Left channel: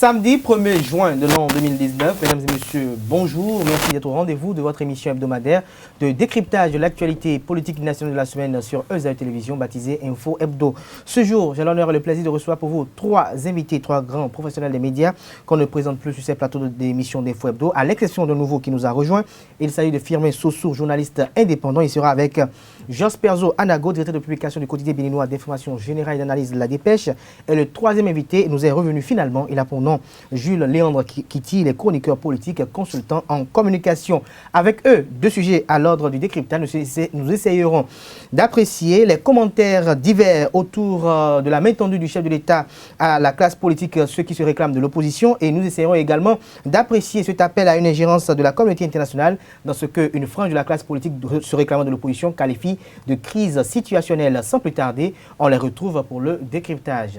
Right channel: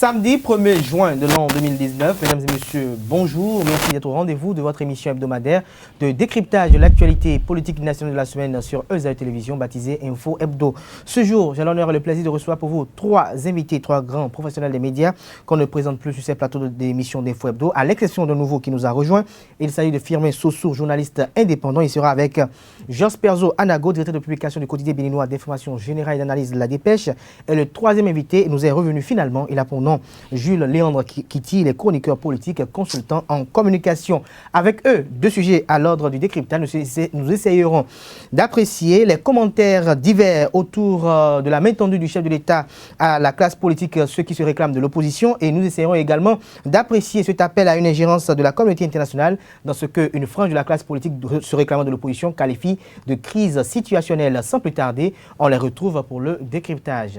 Samedi 1er juin de l'an 2019, mesdames et messieurs, bonjour. Merci d'être au rendez-vous de votre émission hebdomadaire de décryptage de l'actualité politique nationale de la semaine sur ESAE Télévision, baptisée Info Hebdo. Ce jour, j'ai l'honneur et le plaisir de recevoir pour vous trois invités, trois grands professionnels des médias qu'on ne présente plus sur ces plateaux d'émission d'Info Hebdo, à l'exception d'un nouveau qui nous a rejoint. Il s'agit de Firmin Sossou, journaliste indépendant. Il sera avec Jos Perzo Anago, directeur de publication du quotidien béninois d'information générale et d'analyse de La Dépêche. Et le troisième invité nous est revenu finalement. Il a pour nom Jules Léandre Kitty, les chroniqueurs politiques, consultants en communication. Avec eux, deux sujets à l'ordre du décryptage. Nous essayerons d'apprécier les commentaires divers autour de la main tendue du chef de l'État à la classe politique, ceux qui se réclament de l'opposition. Et nous essayerons également d'apprécier cet appel à une ingérence de la communauté internationale dans ce qu'une frange de la classe politique se réclamant de l'opposition qualifie de crise situationnelle. Sans plus tarder, on les retrouve pour le décryptage.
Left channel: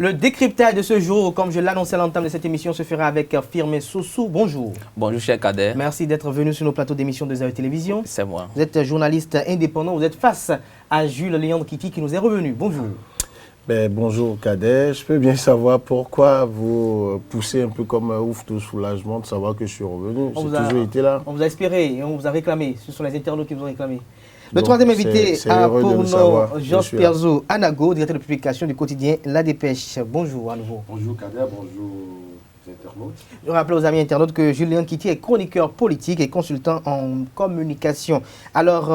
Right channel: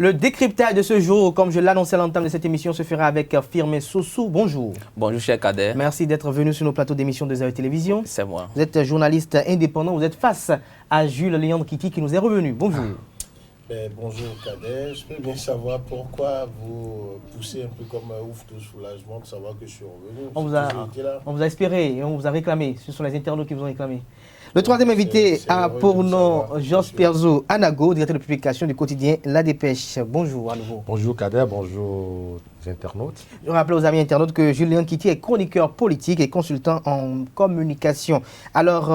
Le décryptage de ce jour, comme je l'annonçais à l'entame de cette émission, se fera avec Firmin Sossou. Bonjour. Bonjour, cher Kader. Merci d'être venu sur nos plateaux d'émission de ESAE Télévision. C'est moi. Vous êtes journaliste indépendant. Vous êtes face à Jules Léandre Kitty qui nous est revenu. Bonjour. Bonjour Kader. Je peux bien savoir pourquoi vous poussez un peu comme un ouf de soulagement de savoir que je suis revenu. On vous a espéré et on vous a réclamé. Ce sont les internautes qui vous ont réclamé. Le troisième invité a pour nom Jos Perzo Anago, directeur de publication du quotidien La Dépêche. Bonjour à nouveau. Bonjour Kader, bonjour les internautes. Je rappelle aux amis internautes que Jules Léandre Kitty est chroniqueur politique et consultant en communication. Alors,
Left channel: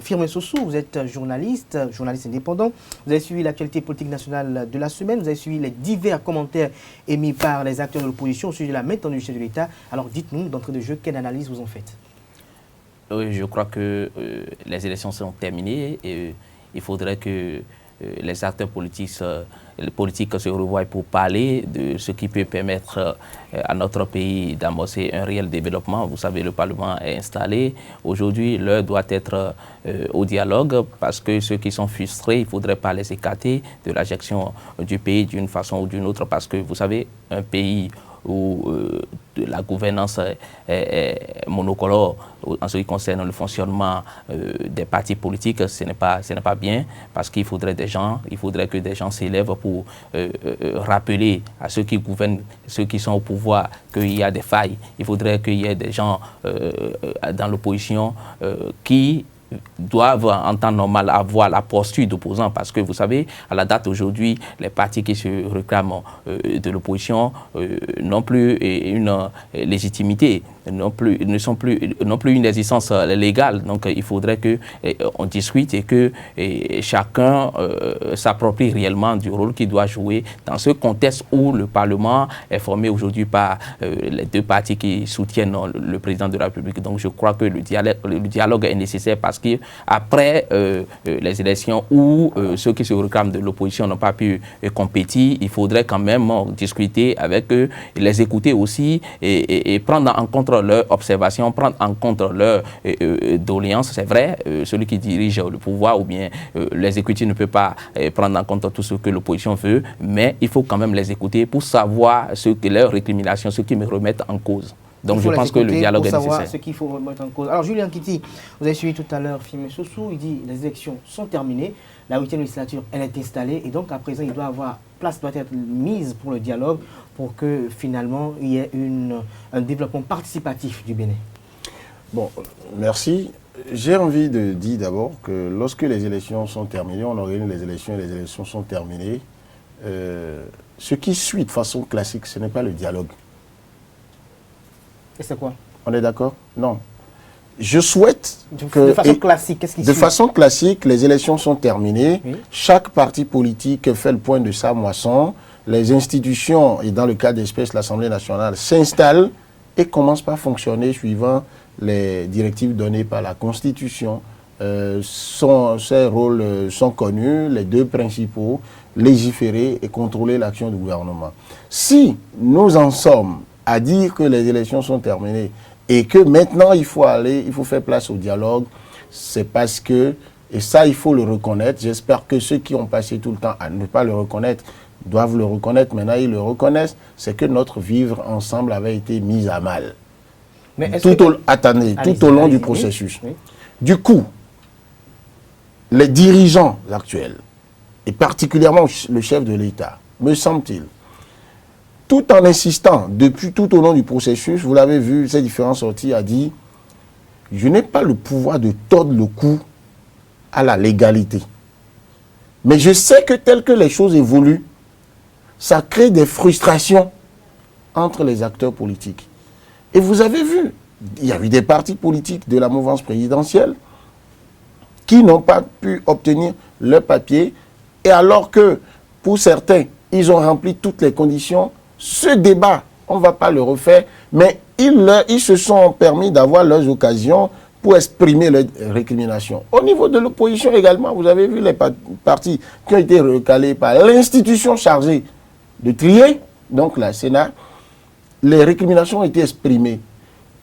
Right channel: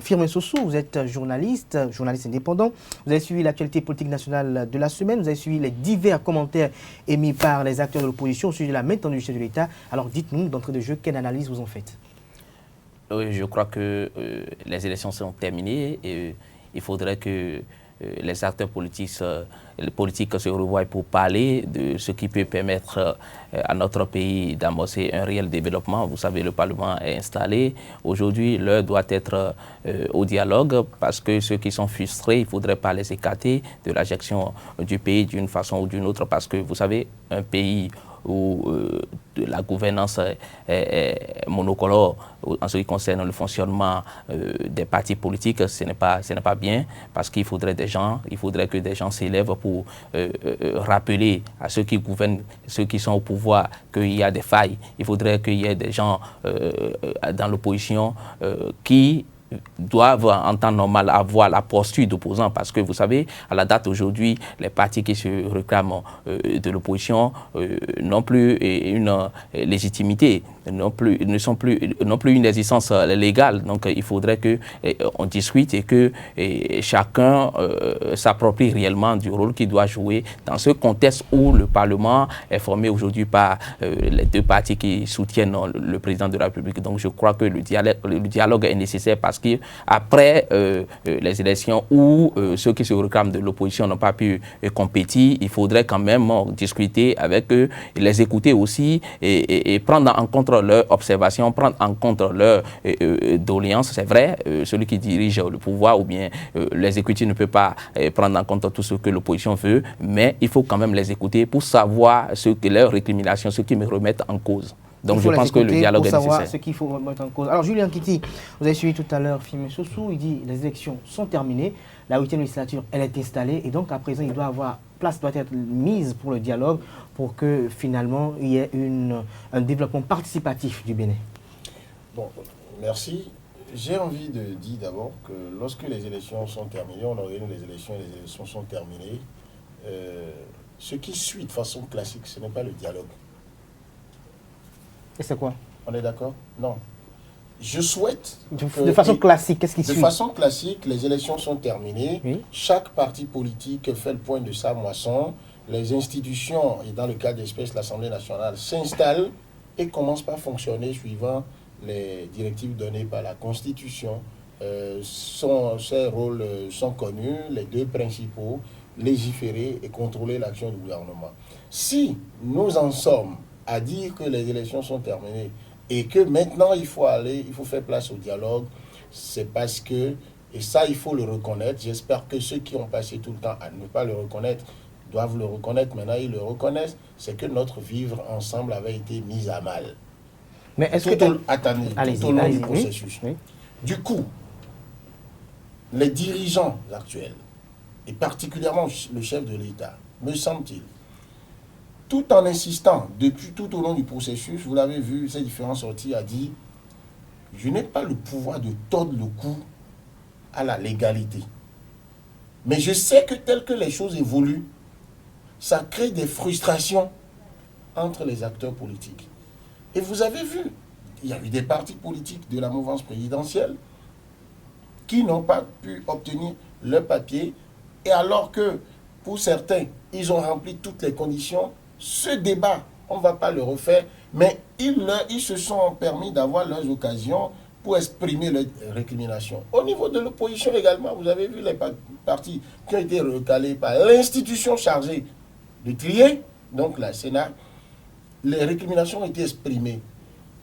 Firmin Sossou, vous êtes journaliste indépendant. Vous avez suivi l'actualité politique nationale de la semaine. Vous avez suivi les divers commentaires émis par les acteurs de l'opposition au sujet de la main tendue du chef de l'État. Alors, dites-nous, d'entrée de jeu, quelle analyse vous en faites? Oui, je crois que les élections sont terminées et il faudrait que les acteurs politiques se revoient pour parler de ce qui peut permettre à notre pays d'amorcer un réel développement. Vous savez, le Parlement est installé. Aujourd'hui, l'heure doit être au dialogue parce que ceux qui sont frustrés, il ne faudrait pas les écarter de la gestion du pays d'une façon ou d'une autre parce que, vous savez, un pays où la gouvernance est monocolore en ce qui concerne le fonctionnement des partis politiques, ce n'est pas bien parce qu'il faudrait que des gens s'élèvent pour rappeler à ceux qui gouvernent, ceux qui sont au pouvoir, qu'il y a des failles. Il faudrait qu'il y ait des gens dans l'opposition qui doivent en temps normal avoir la posture d'opposant parce que vous savez, à la date aujourd'hui, les partis qui se réclament de l'opposition n'ont plus une légitimité, n'ont plus une existence légale. Donc il faudrait qu'on discute et que chacun s'approprie réellement du rôle qu'il doit jouer dans ce contexte où le Parlement est formé aujourd'hui par les deux partis qui soutiennent le président de la République. Donc je crois que le dialogue est nécessaire parce qu'après les élections où ceux qui se réclament de l'opposition n'ont pas pu compétir, il faudrait quand même discuter avec eux, les écouter aussi et prendre en compte leurs observations, prendre en compte leurs doléances. C'est vrai, celui qui dirige le pouvoir ou bien l'exécutif ne peut pas prendre en compte tout ce que l'opposition veut, mais il faut quand même les écouter pour savoir leurs récriminations, ce qui me remettent en cause. Donc je pense que le dialogue est nécessaire. Ce qu'il faut mettre en cause. Alors Julien Kitty, vous avez suivi tout à l'heure Firmin Sossou, il dit les élections sont terminées, la 8e législature elle est installée et donc à présent place doit être mise pour le dialogue pour que finalement il y ait un développement participatif du Bénin. Bon, merci. J'ai envie de dire d'abord que lorsque les élections sont terminées, on organise les élections et les élections sont terminées, ce qui suit de façon classique, ce n'est pas le dialogue. Et c'est quoi? On est d'accord? Non. Je souhaite de façon classique, qu'est-ce qui suit? De façon classique, les élections sont terminées. Oui. Chaque parti politique fait le point de sa moisson. Les institutions, et dans le cas d'espèce, l'Assemblée nationale, s'installent et commencent par fonctionner suivant les directives données par la Constitution. Ces rôles sont connus, les deux principaux, légiférer et contrôler l'action du gouvernement. Si nous en sommes à dire que les élections sont terminées et que maintenant il faut faire place au dialogue, c'est parce que, et ça il faut le reconnaître, j'espère que ceux qui ont passé tout le temps à ne pas le reconnaître doivent le reconnaître, maintenant ils le reconnaissent, c'est que notre vivre ensemble avait été mis à mal. Mais tout au long du processus. Oui. Du coup, les dirigeants actuels et particulièrement le chef de l'État, me semble-t-il, tout en insistant, depuis tout au long du processus, vous l'avez vu, ces différentes sorties, a dit « Je n'ai pas le pouvoir de tordre le cou à la légalité. Mais je sais que tel que les choses évoluent, ça crée des frustrations entre les acteurs politiques. » Et vous avez vu, il y a eu des partis politiques de la mouvance présidentielle qui n'ont pas pu obtenir leur papier, et alors que, pour certains, ils ont rempli toutes les conditions. Ce débat, on ne va pas le refaire, mais ils se sont permis d'avoir leurs occasions pour exprimer leurs récriminations. Au niveau de l'opposition également, vous avez vu les partis qui ont été recalés par l'institution chargée de trier, donc la Sénat, les récriminations ont été exprimées.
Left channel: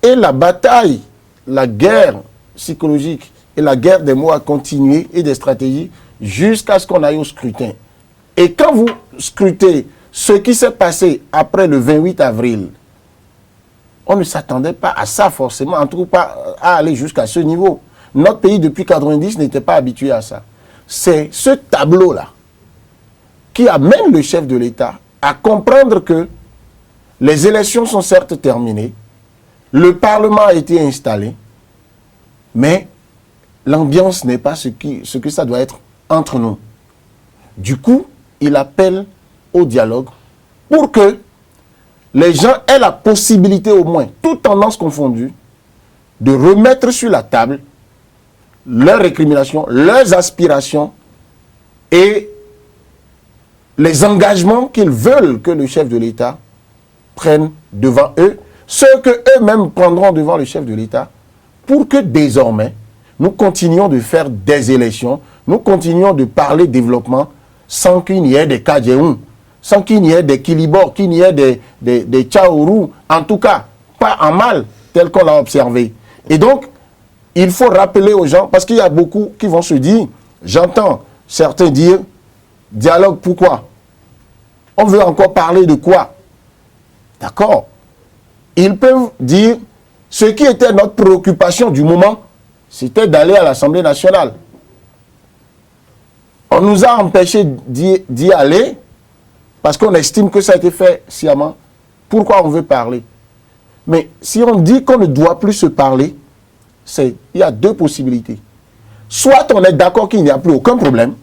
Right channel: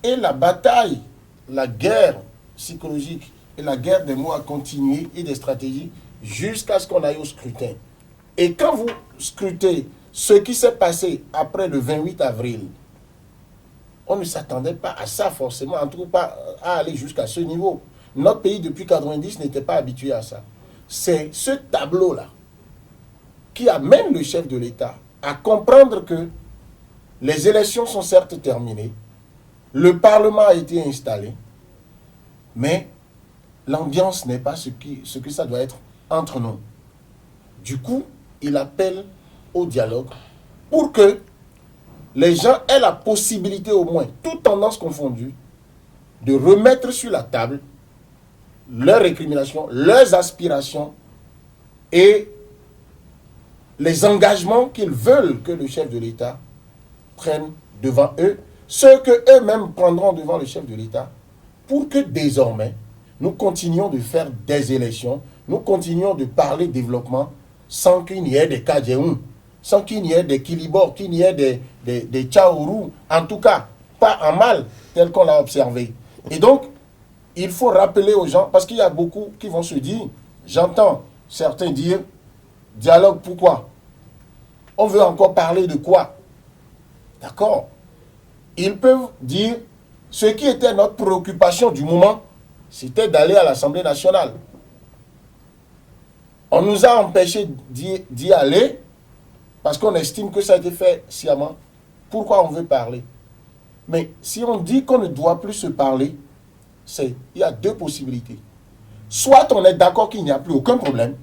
Et la bataille, la guerre psychologique et la guerre des mots a continué et des stratégies jusqu'à ce qu'on aille au scrutin. Et quand vous scrutez ce qui s'est passé après le 28 avril, on ne s'attendait pas à ça forcément, en tout cas pas à aller jusqu'à ce niveau. Notre pays, depuis 1990, n'était pas habitué à ça. C'est ce tableau-là qui amène le chef de l'État à comprendre que les élections sont certes terminées, le Parlement a été installé, mais l'ambiance n'est pas ce que ça doit être entre nous. Du coup, il appelle au dialogue pour que les gens aient la possibilité au moins, toutes tendances confondues, de remettre sur la table leurs récriminations, leurs aspirations et les engagements qu'ils veulent que le chef de l'État prenne devant eux, ceux qu'eux-mêmes prendront devant le chef de l'État, pour que désormais, nous continuions de faire des élections, nous continuons de parler développement sans qu'il n'y ait des Kadjeoun, sans qu'il n'y ait des Kilibor, qu'il n'y ait des Tchaourou, en tout cas, pas en mal, tel qu'on l'a observé. Et donc, il faut rappeler aux gens, parce qu'il y a beaucoup qui vont se dire, j'entends certains dire, dialogue pourquoi? On veut encore parler de quoi? D'accord? Ils peuvent dire, ce qui était notre préoccupation du moment, c'était d'aller à l'Assemblée nationale. On nous a empêchés d'y aller parce qu'on estime que ça a été fait sciemment. Pourquoi on veut parler? Mais si on dit qu'on ne doit plus se parler, il y a deux possibilités. Soit on est d'accord qu'il n'y a plus aucun problème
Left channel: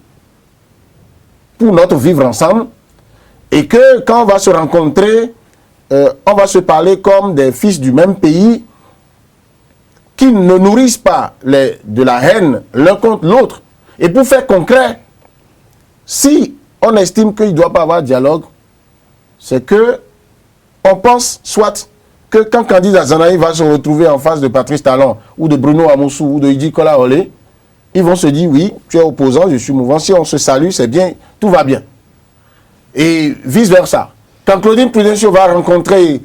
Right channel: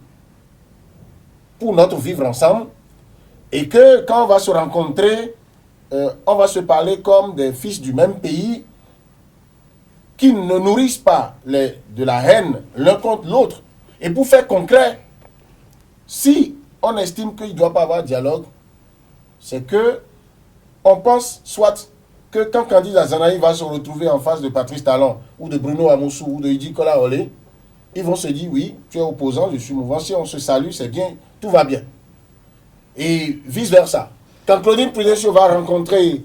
pour notre vivre ensemble et que quand on va se rencontrer, on va se parler comme des fils du même pays qui ne nourrissent pas de la haine l'un contre l'autre. Et pour faire concret, si on estime qu'il ne doit pas avoir de dialogue, c'est que on pense soit que quand Candice Azanaï va se retrouver en face de Patrice Talon ou de Bruno Amoussou ou de Idi Kola Olé, ils vont se dire oui, tu es opposant, je suis mouvant, si on se salue, c'est bien, tout va bien. Et vice-versa. Quand Claudine Prudencio va rencontrer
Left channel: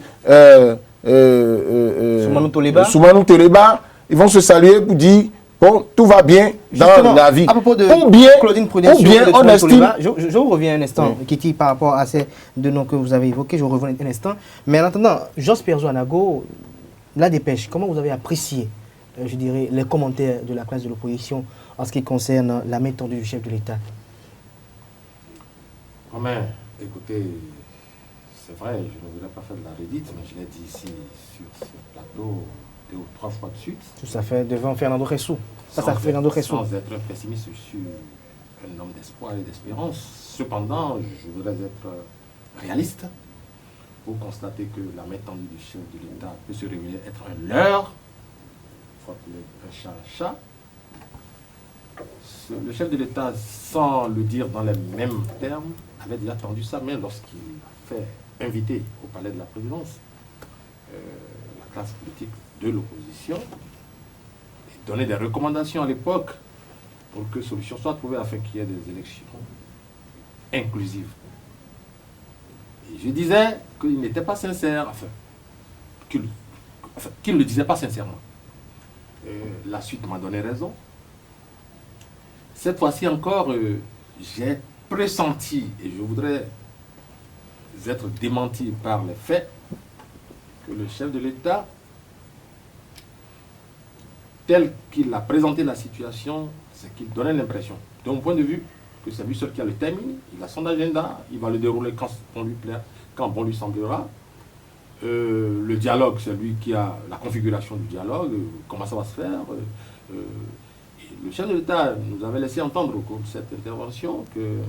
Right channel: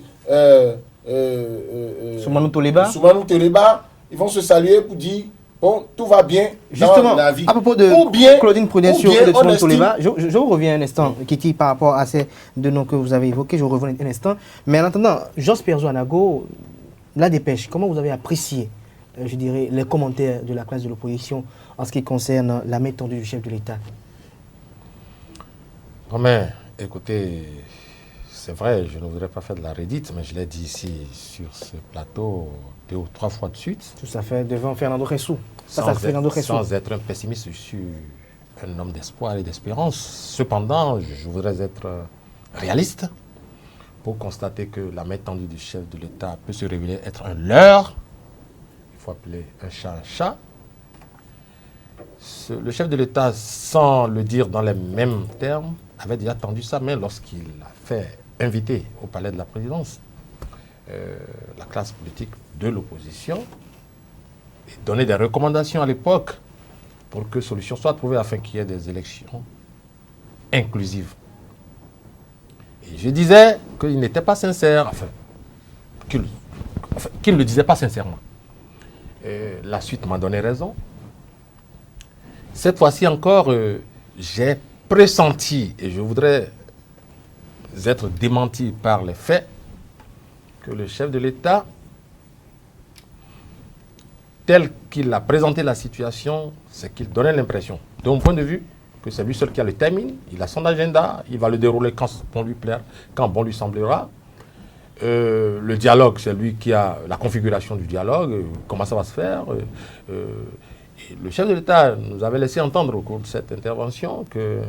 Soumanou Toleba, ils vont se saluer pour dire bon, tout va bien justement, dans la vie. À propos de Claudine Prudencio et de Soumanou Toleba, je vous reviens un instant, Kitty, par rapport à ces deux noms que vous avez évoqués, je vous reviens un instant. Mais en attendant, Jos Perzo Anago, la dépêche, comment vous avez apprécié, je dirais, les commentaires de la classe de l'opposition en ce qui concerne la main tendue du chef de l'État? Mais, écoutez, c'est vrai, je ne voudrais pas faire de la redite, mais je l'ai dit ici sur ce plateau 2 ou 3 fois de suite. Tout à fait, devant Fernando Ressou. Sans être un pessimiste, je suis un homme d'espoir et d'espérance. Cependant, je voudrais être réaliste pour constater que la main tendue du chef de l'État peut se révéler être un leurre. Il faut appeler un chat un chat. Le chef de l'État, sans le dire dans les mêmes termes, avait déjà tendu sa main lorsqu'il a fait inviter au palais de la présidence la classe politique de l'opposition et donner des recommandations à l'époque pour que solution soit trouvée afin qu'il y ait des élections inclusives. Et je disais qu'il n'était pas sincère, qu'il ne le disait pas sincèrement. La suite m'a donné raison. Cette fois-ci encore, j'ai pressenti, et je voudrais être démenti par les faits, que le chef de l'État, tel qu'il a présenté la situation, c'est qu'il donnait l'impression, de mon point de vue, que c'est lui seul qui a le timing, il a son agenda, il va le dérouler quand bon lui plaira, quand bon lui semblera. Le dialogue, c'est lui qui a la configuration du dialogue, comment ça va se faire. Le chef de l'État nous avait laissé entendre au cours de cette intervention que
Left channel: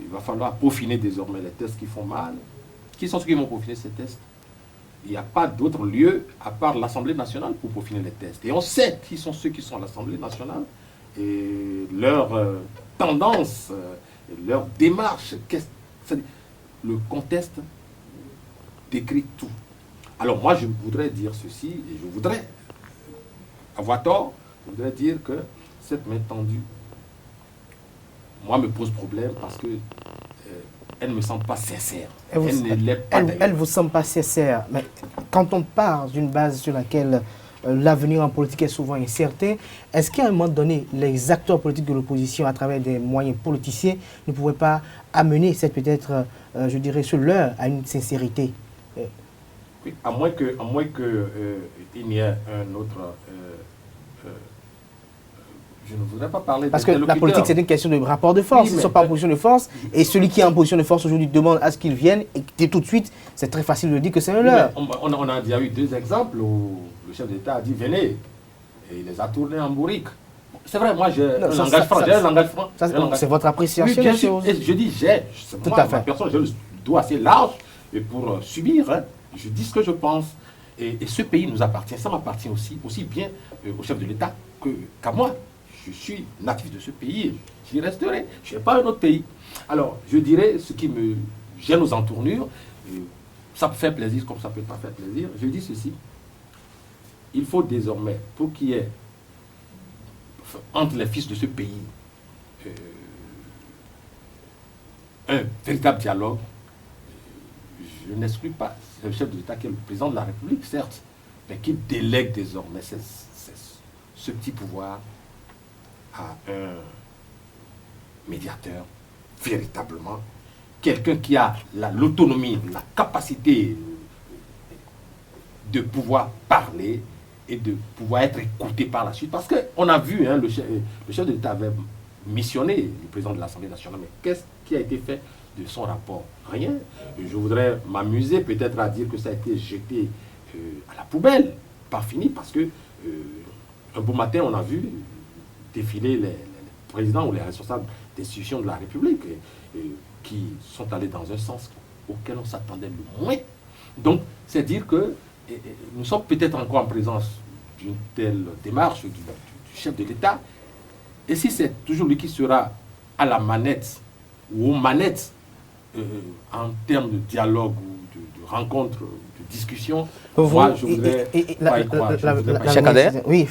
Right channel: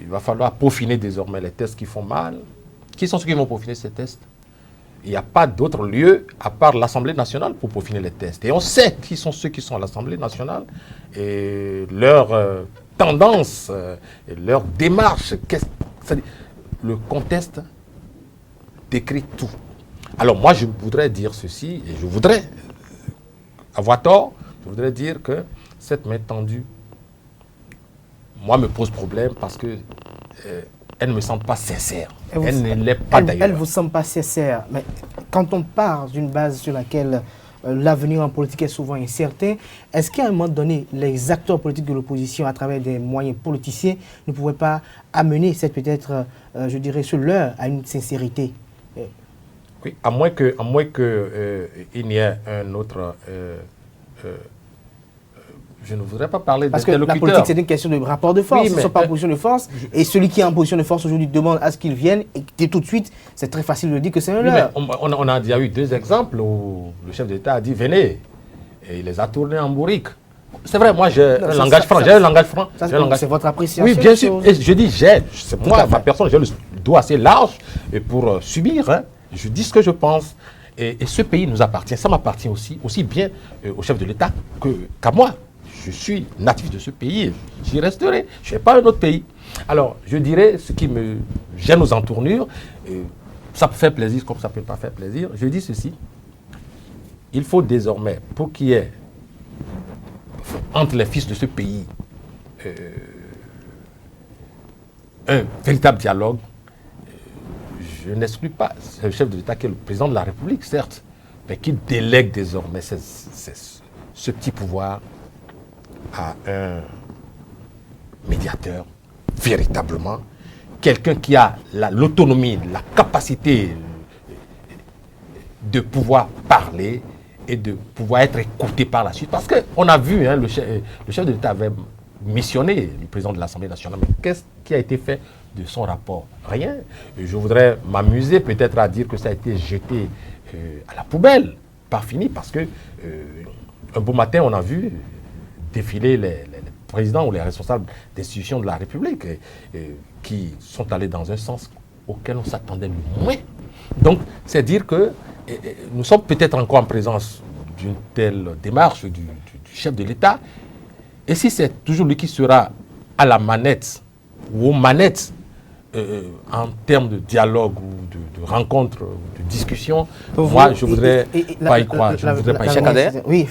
il va falloir peaufiner désormais les tests qui font mal. Qui sont ceux qui vont peaufiner ces tests? Il n'y a pas d'autre lieu à part l'Assemblée nationale pour peaufiner les tests. Et on sait qui sont ceux qui sont à l'Assemblée nationale et leur tendance, leur démarche. Le contexte décrit tout. Alors moi, je voudrais dire ceci, et je voudrais avoir tort, je voudrais dire que cette main tendue, moi, me pose problème parce que elle ne me semble pas sincère. Elle ne l'est pas d'ailleurs. Elle ne vous semble pas sincère. Mais quand on part d'une base sur laquelle l'avenir en politique est souvent incertain, est-ce qu'à un moment donné, les acteurs politiques de l'opposition, à travers des moyens politiciens, ne pourraient pas amener cette peut-être, je dirais, ce leurre à une sincérité? Oui, à moins que il n'y ait un autre... je ne voudrais pas parler parce que la politique, c'est une question de rapport de force. Oui, ils ne sont pas en position de force. Et celui qui est en position de force aujourd'hui demande à ce qu'il vienne. Et tout de suite, c'est très facile de dire que c'est un leurre. On a déjà eu 2 exemples où le chef d'État a dit venez. Et il les a tournés en bourrique. C'est vrai, moi j'ai un langage franc. J'ai un langage franc. C'est votre appréciation. Oui, bien sûr. Et je dis c'est moi, ma personne, j'ai le doigt assez large pour subir. Hein. Je dis ce que je pense. Et ce pays nous appartient. Ça m'appartient aussi bien au chef de l'État qu'à moi. Je suis natif de ce pays, j'y resterai. Je ne suis pas un autre pays. Alors, je dirais ce qui me gêne aux entournures, ça peut faire plaisir comme ça ne peut pas faire plaisir. Je dis ceci, il faut désormais, pour qu'il y ait entre les fils de ce pays un véritable dialogue, je n'exclus pas le chef de l'État qui est le président de la République, certes, mais qui délègue désormais ce petit pouvoir à un médiateur, véritablement, quelqu'un qui a l'autonomie, la capacité de pouvoir parler et de pouvoir être écouté par la suite. Parce qu'on a vu, hein, le chef de l'État avait missionné le président de l'Assemblée nationale, mais qu'est-ce qui a été fait de son rapport? Rien. Et je voudrais m'amuser peut-être à dire que ça a été jeté à la poubelle, pas fini, parce que un beau matin, on a vu défiler les présidents ou les responsables d'institutions de la République qui sont allés dans un sens auquel on s'attendait le moins. Donc, c'est dire que nous sommes peut-être encore en présence d'une telle démarche du chef de l'État. Et si c'est toujours lui qui sera à la manette ou aux manettes en termes de dialogue ou de rencontre, de discussion, moi je voudrais pas y croire. Oui,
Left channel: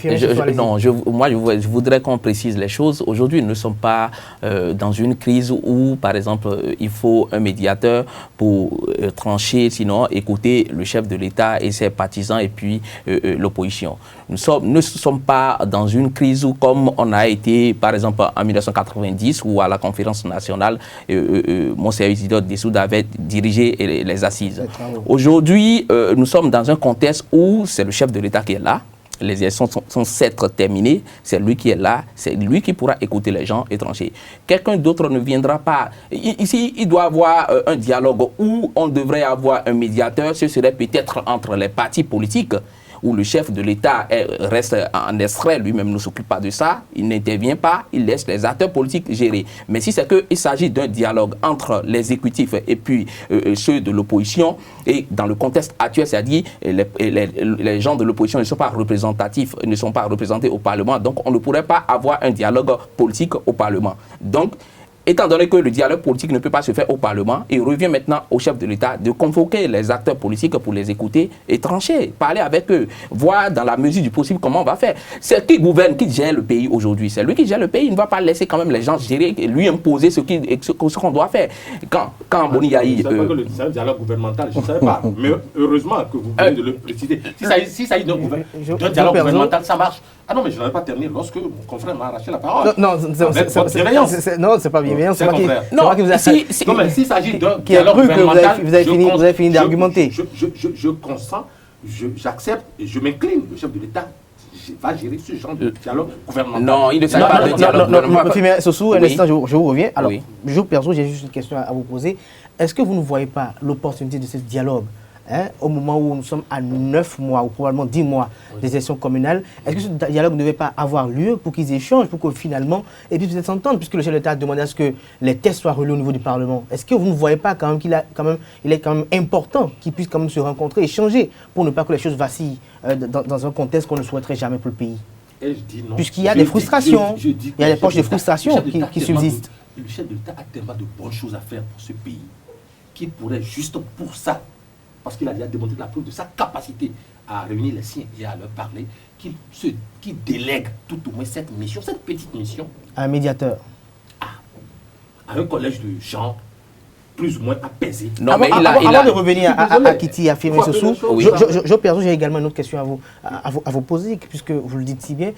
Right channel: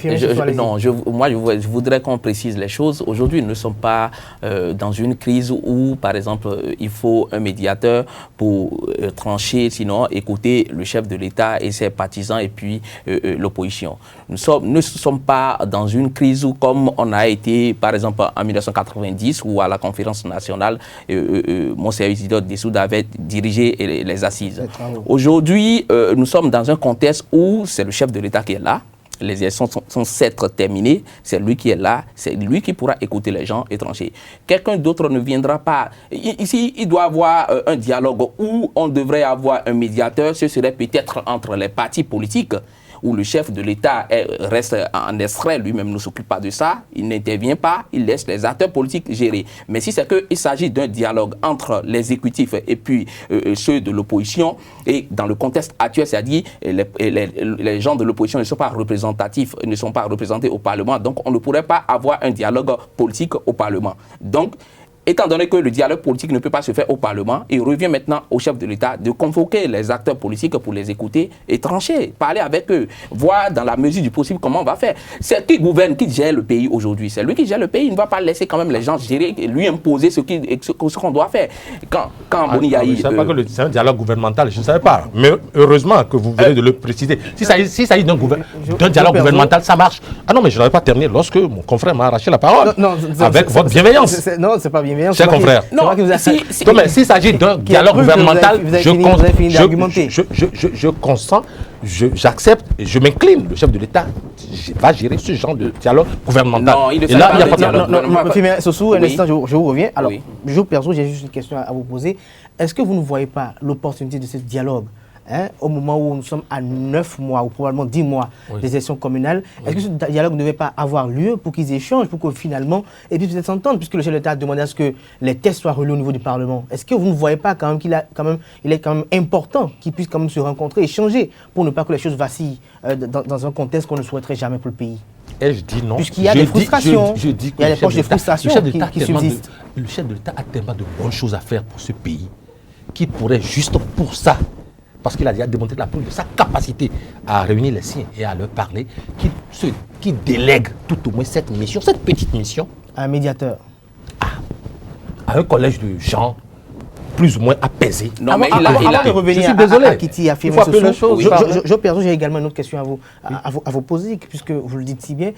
moi je voudrais qu'on précise les choses. Aujourd'hui, nous ne sommes pas dans une crise où, par exemple, il faut un médiateur pour trancher, sinon écouter le chef de l'État et ses partisans et puis l'opposition. Nous ne sommes pas dans une crise où, comme on a été, par exemple, en 1990, où à la conférence nationale, Monseigneur Isidore Dessoude avait dirigé les assises. Aujourd'hui, nous sommes dans un contexte où c'est le chef de l'État qui est là. Les élections sont certes terminées, c'est lui qui est là, c'est lui qui pourra écouter les gens et trancher. Quelqu'un d'autre ne viendra pas. Ici, il doit y avoir un dialogue où on devrait avoir un médiateur, ce serait peut-être entre les partis politiques, où le chef de l'État reste en extrait, lui-même ne s'occupe pas de ça, il n'intervient pas, il laisse les acteurs politiques gérer. Mais si c'est qu'il s'agit d'un dialogue entre l'exécutif et puis ceux de l'opposition, et dans le contexte actuel, c'est-à-dire les gens de l'opposition ne sont pas représentatifs, ne sont pas représentés au Parlement, donc on ne pourrait pas avoir un dialogue politique au Parlement. Donc, étant donné que le dialogue politique ne peut pas se faire au Parlement, il revient maintenant au chef de l'État de convoquer les acteurs politiques pour les écouter et trancher, parler avec eux, voir dans la mesure du possible comment on va faire. C'est qui gouverne, qui gère le pays aujourd'hui. C'est lui qui gère le pays. Il ne va pas laisser quand même les gens gérer et lui imposer ce qu'on doit faire. Quand Boni Yahi... C'est un dialogue gouvernemental, je ne savais pas. Mais heureusement que vous venez de le préciser. Si ça y est d'un dialogue gouvernemental, ça marche. Ah non, mais je n'avais pas terminé lorsque mon confrère m'a arraché la parole. Non, avec votre bienveillance. Non, c'est pas bienveillance. C'est confrère. Non, mais s'il s'agit d'un dialogue gouvernemental, vous avez fini d'argumenter. Je consens, j'accepte, je m'incline. Le chef de l'État va gérer ce genre de dialogue gouvernemental. Non, il ne fait pas de dialogue gouvernemental. Sossou, un instant, je vous reviens. Alors, Oui. perso, j'ai juste une question à vous poser. Est-ce que vous ne voyez pas l'opportunité de ce dialogue au moment où nous sommes à 9 mois ou probablement 10 mois des élections communales? Est-ce que ce dialogue ne devait pas avoir lieu pour qu'ils échangent, pour que finalement, et puis peut-être s'entendre, puisque le chef de l'État a demandé à ce que les textes soient relus au niveau du Parlement? Est-ce que vous ne voyez pas quand même qu'il est quand même important qu'ils puissent quand même se rencontrer, échanger, pour ne pas que les choses vacillent dans un contexte qu'on ne souhaiterait jamais pour le pays? Et je dis non. Puisqu'il y a des frustrations, il y a des poches de frustration qui subsistent. Le chef de l'État a tellement de bonnes choses à faire pour ce pays qu'il pourrait juste pour ça, parce qu'il a déjà démontré la preuve de sa capacité à réunir les siens et à leur parler, qu'il délègue tout au moins cette mission, cette petite mission, Un médiateur. à un collège de gens plus ou moins apaisés. Non, mais Avant de revenir à Kitty, à Firmin Sossou, j'ai également une autre question à vous poser, puisque vous le dites si bien.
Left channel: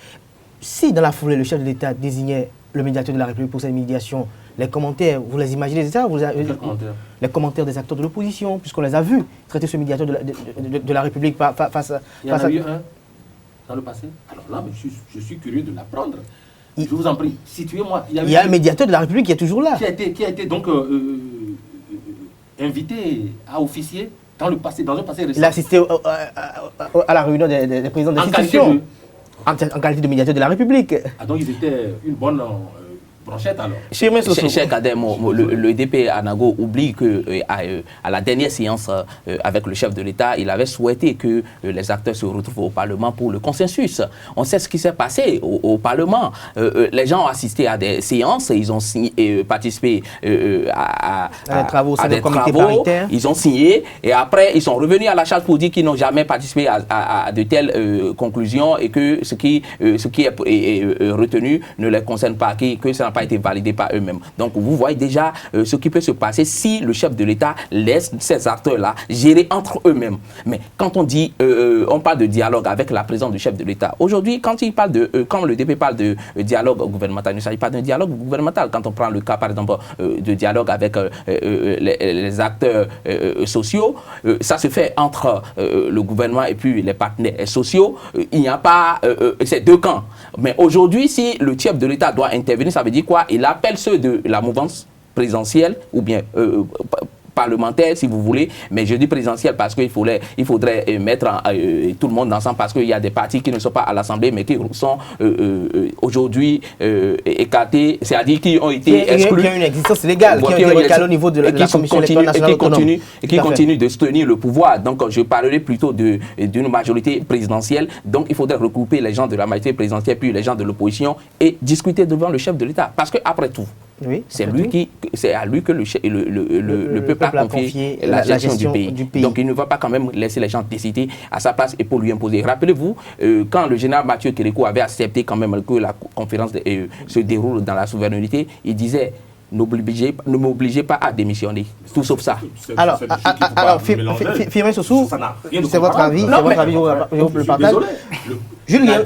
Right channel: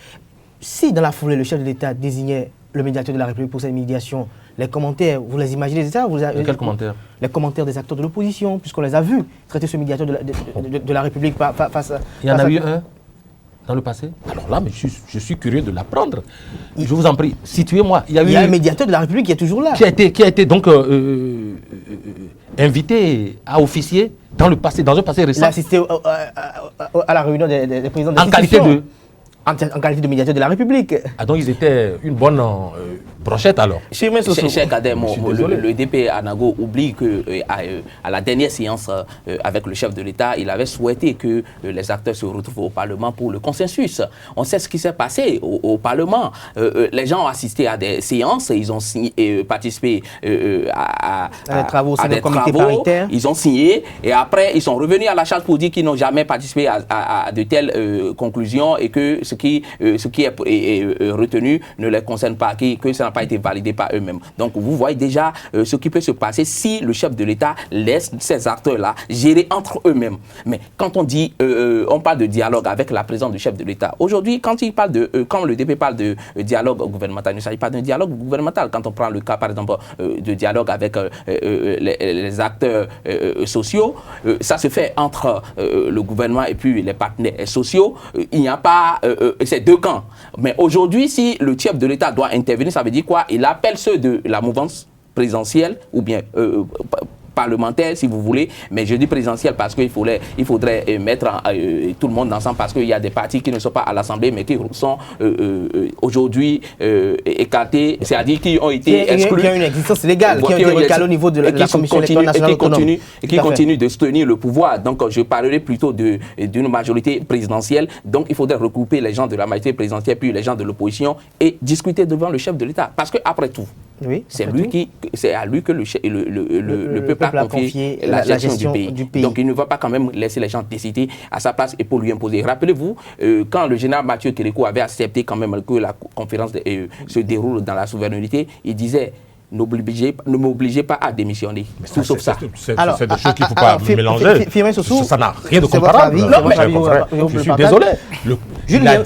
Si dans la foulée, le chef de l'État désignait le médiateur de la République pour cette médiation, les commentaires, vous les imaginez, c'est ça? Quels commentaires? Les commentaires des acteurs de l'opposition, puisqu'on les a vus traiter ce médiateur de la République face à... Il y en a eu un dans le passé? Alors là, mais je suis curieux de l'apprendre. Je vous en prie, situez-moi. Il y a un médiateur de la République qui est toujours là. Qui a été donc invité à officier dans un passé récent. Il a assisté à la réunion des présidents des institutions. En qualité de médiateur de la République. Ah, donc ils étaient une bonne brochette alors. Cher Kadem, le DP Anago oublie qu'à la dernière séance avec le chef de l'État, il avait souhaité que les acteurs se retrouvent au Parlement pour le consensus. On sait ce qui s'est passé au Parlement. Les gens ont assisté à des séances, ils ont participé à des travaux, ils ont signé et après ils sont revenus à la charge pour dire qu'ils n'ont jamais participé à de telles conclusions et que ce qui est retenu ne les concerne pas, que ça n'a pas été validé par eux-mêmes. Donc vous voyez déjà ce qui peut se passer si le chef de l'État laisse ces acteurs-là gérer entre eux-mêmes. Mais quand on parle de dialogue avec la présence du chef de l'État, aujourd'hui, quand le DP parle de dialogue gouvernemental, il ne s'agit pas d'un dialogue gouvernemental. Quand on prend le cas, par exemple, de dialogue avec les acteurs sociaux, ça se fait entre le gouvernement et puis les partenaires sociaux. Il n'y a pas ces deux camps. Mais aujourd'hui, si le chef de l'État doit intervenir, ça veut dire quoi? Il appelle ceux de la mouvance présidentielle ou bien parlementaire, si vous voulez, mais je dis présidentielle parce qu'il faudrait mettre tout le monde ensemble parce qu'il y a des partis qui ne sont pas à l'Assemblée mais qui sont aujourd'hui écartés, c'est-à-dire qui ont été exclus. Qui ont une existence légale, qui ont été recalés au niveau de la Commission électorale nationale autonome. Et qui continuent de soutenir le pouvoir. Donc je parlerai plutôt d'une majorité présidentielle. Donc il faudrait regrouper les gens de la majorité présidentielle puis les gens de l'opposition et discuter devant le chef de l'État. Parce qu'après tout, oui, c'est à lui que le peuple a confié la gestion du pays. Donc il ne va pas quand même laisser les gens décider à sa place et pour lui imposer. Rappelez-vous, quand le général Mathieu Kérékou avait accepté quand même que la conférence se déroule dans la souveraineté, il disait ne m'obligez pas à démissionner. Tout sauf ça. Alors, Firmin Sossou, c'est votre avis. Je vous le partage. Julien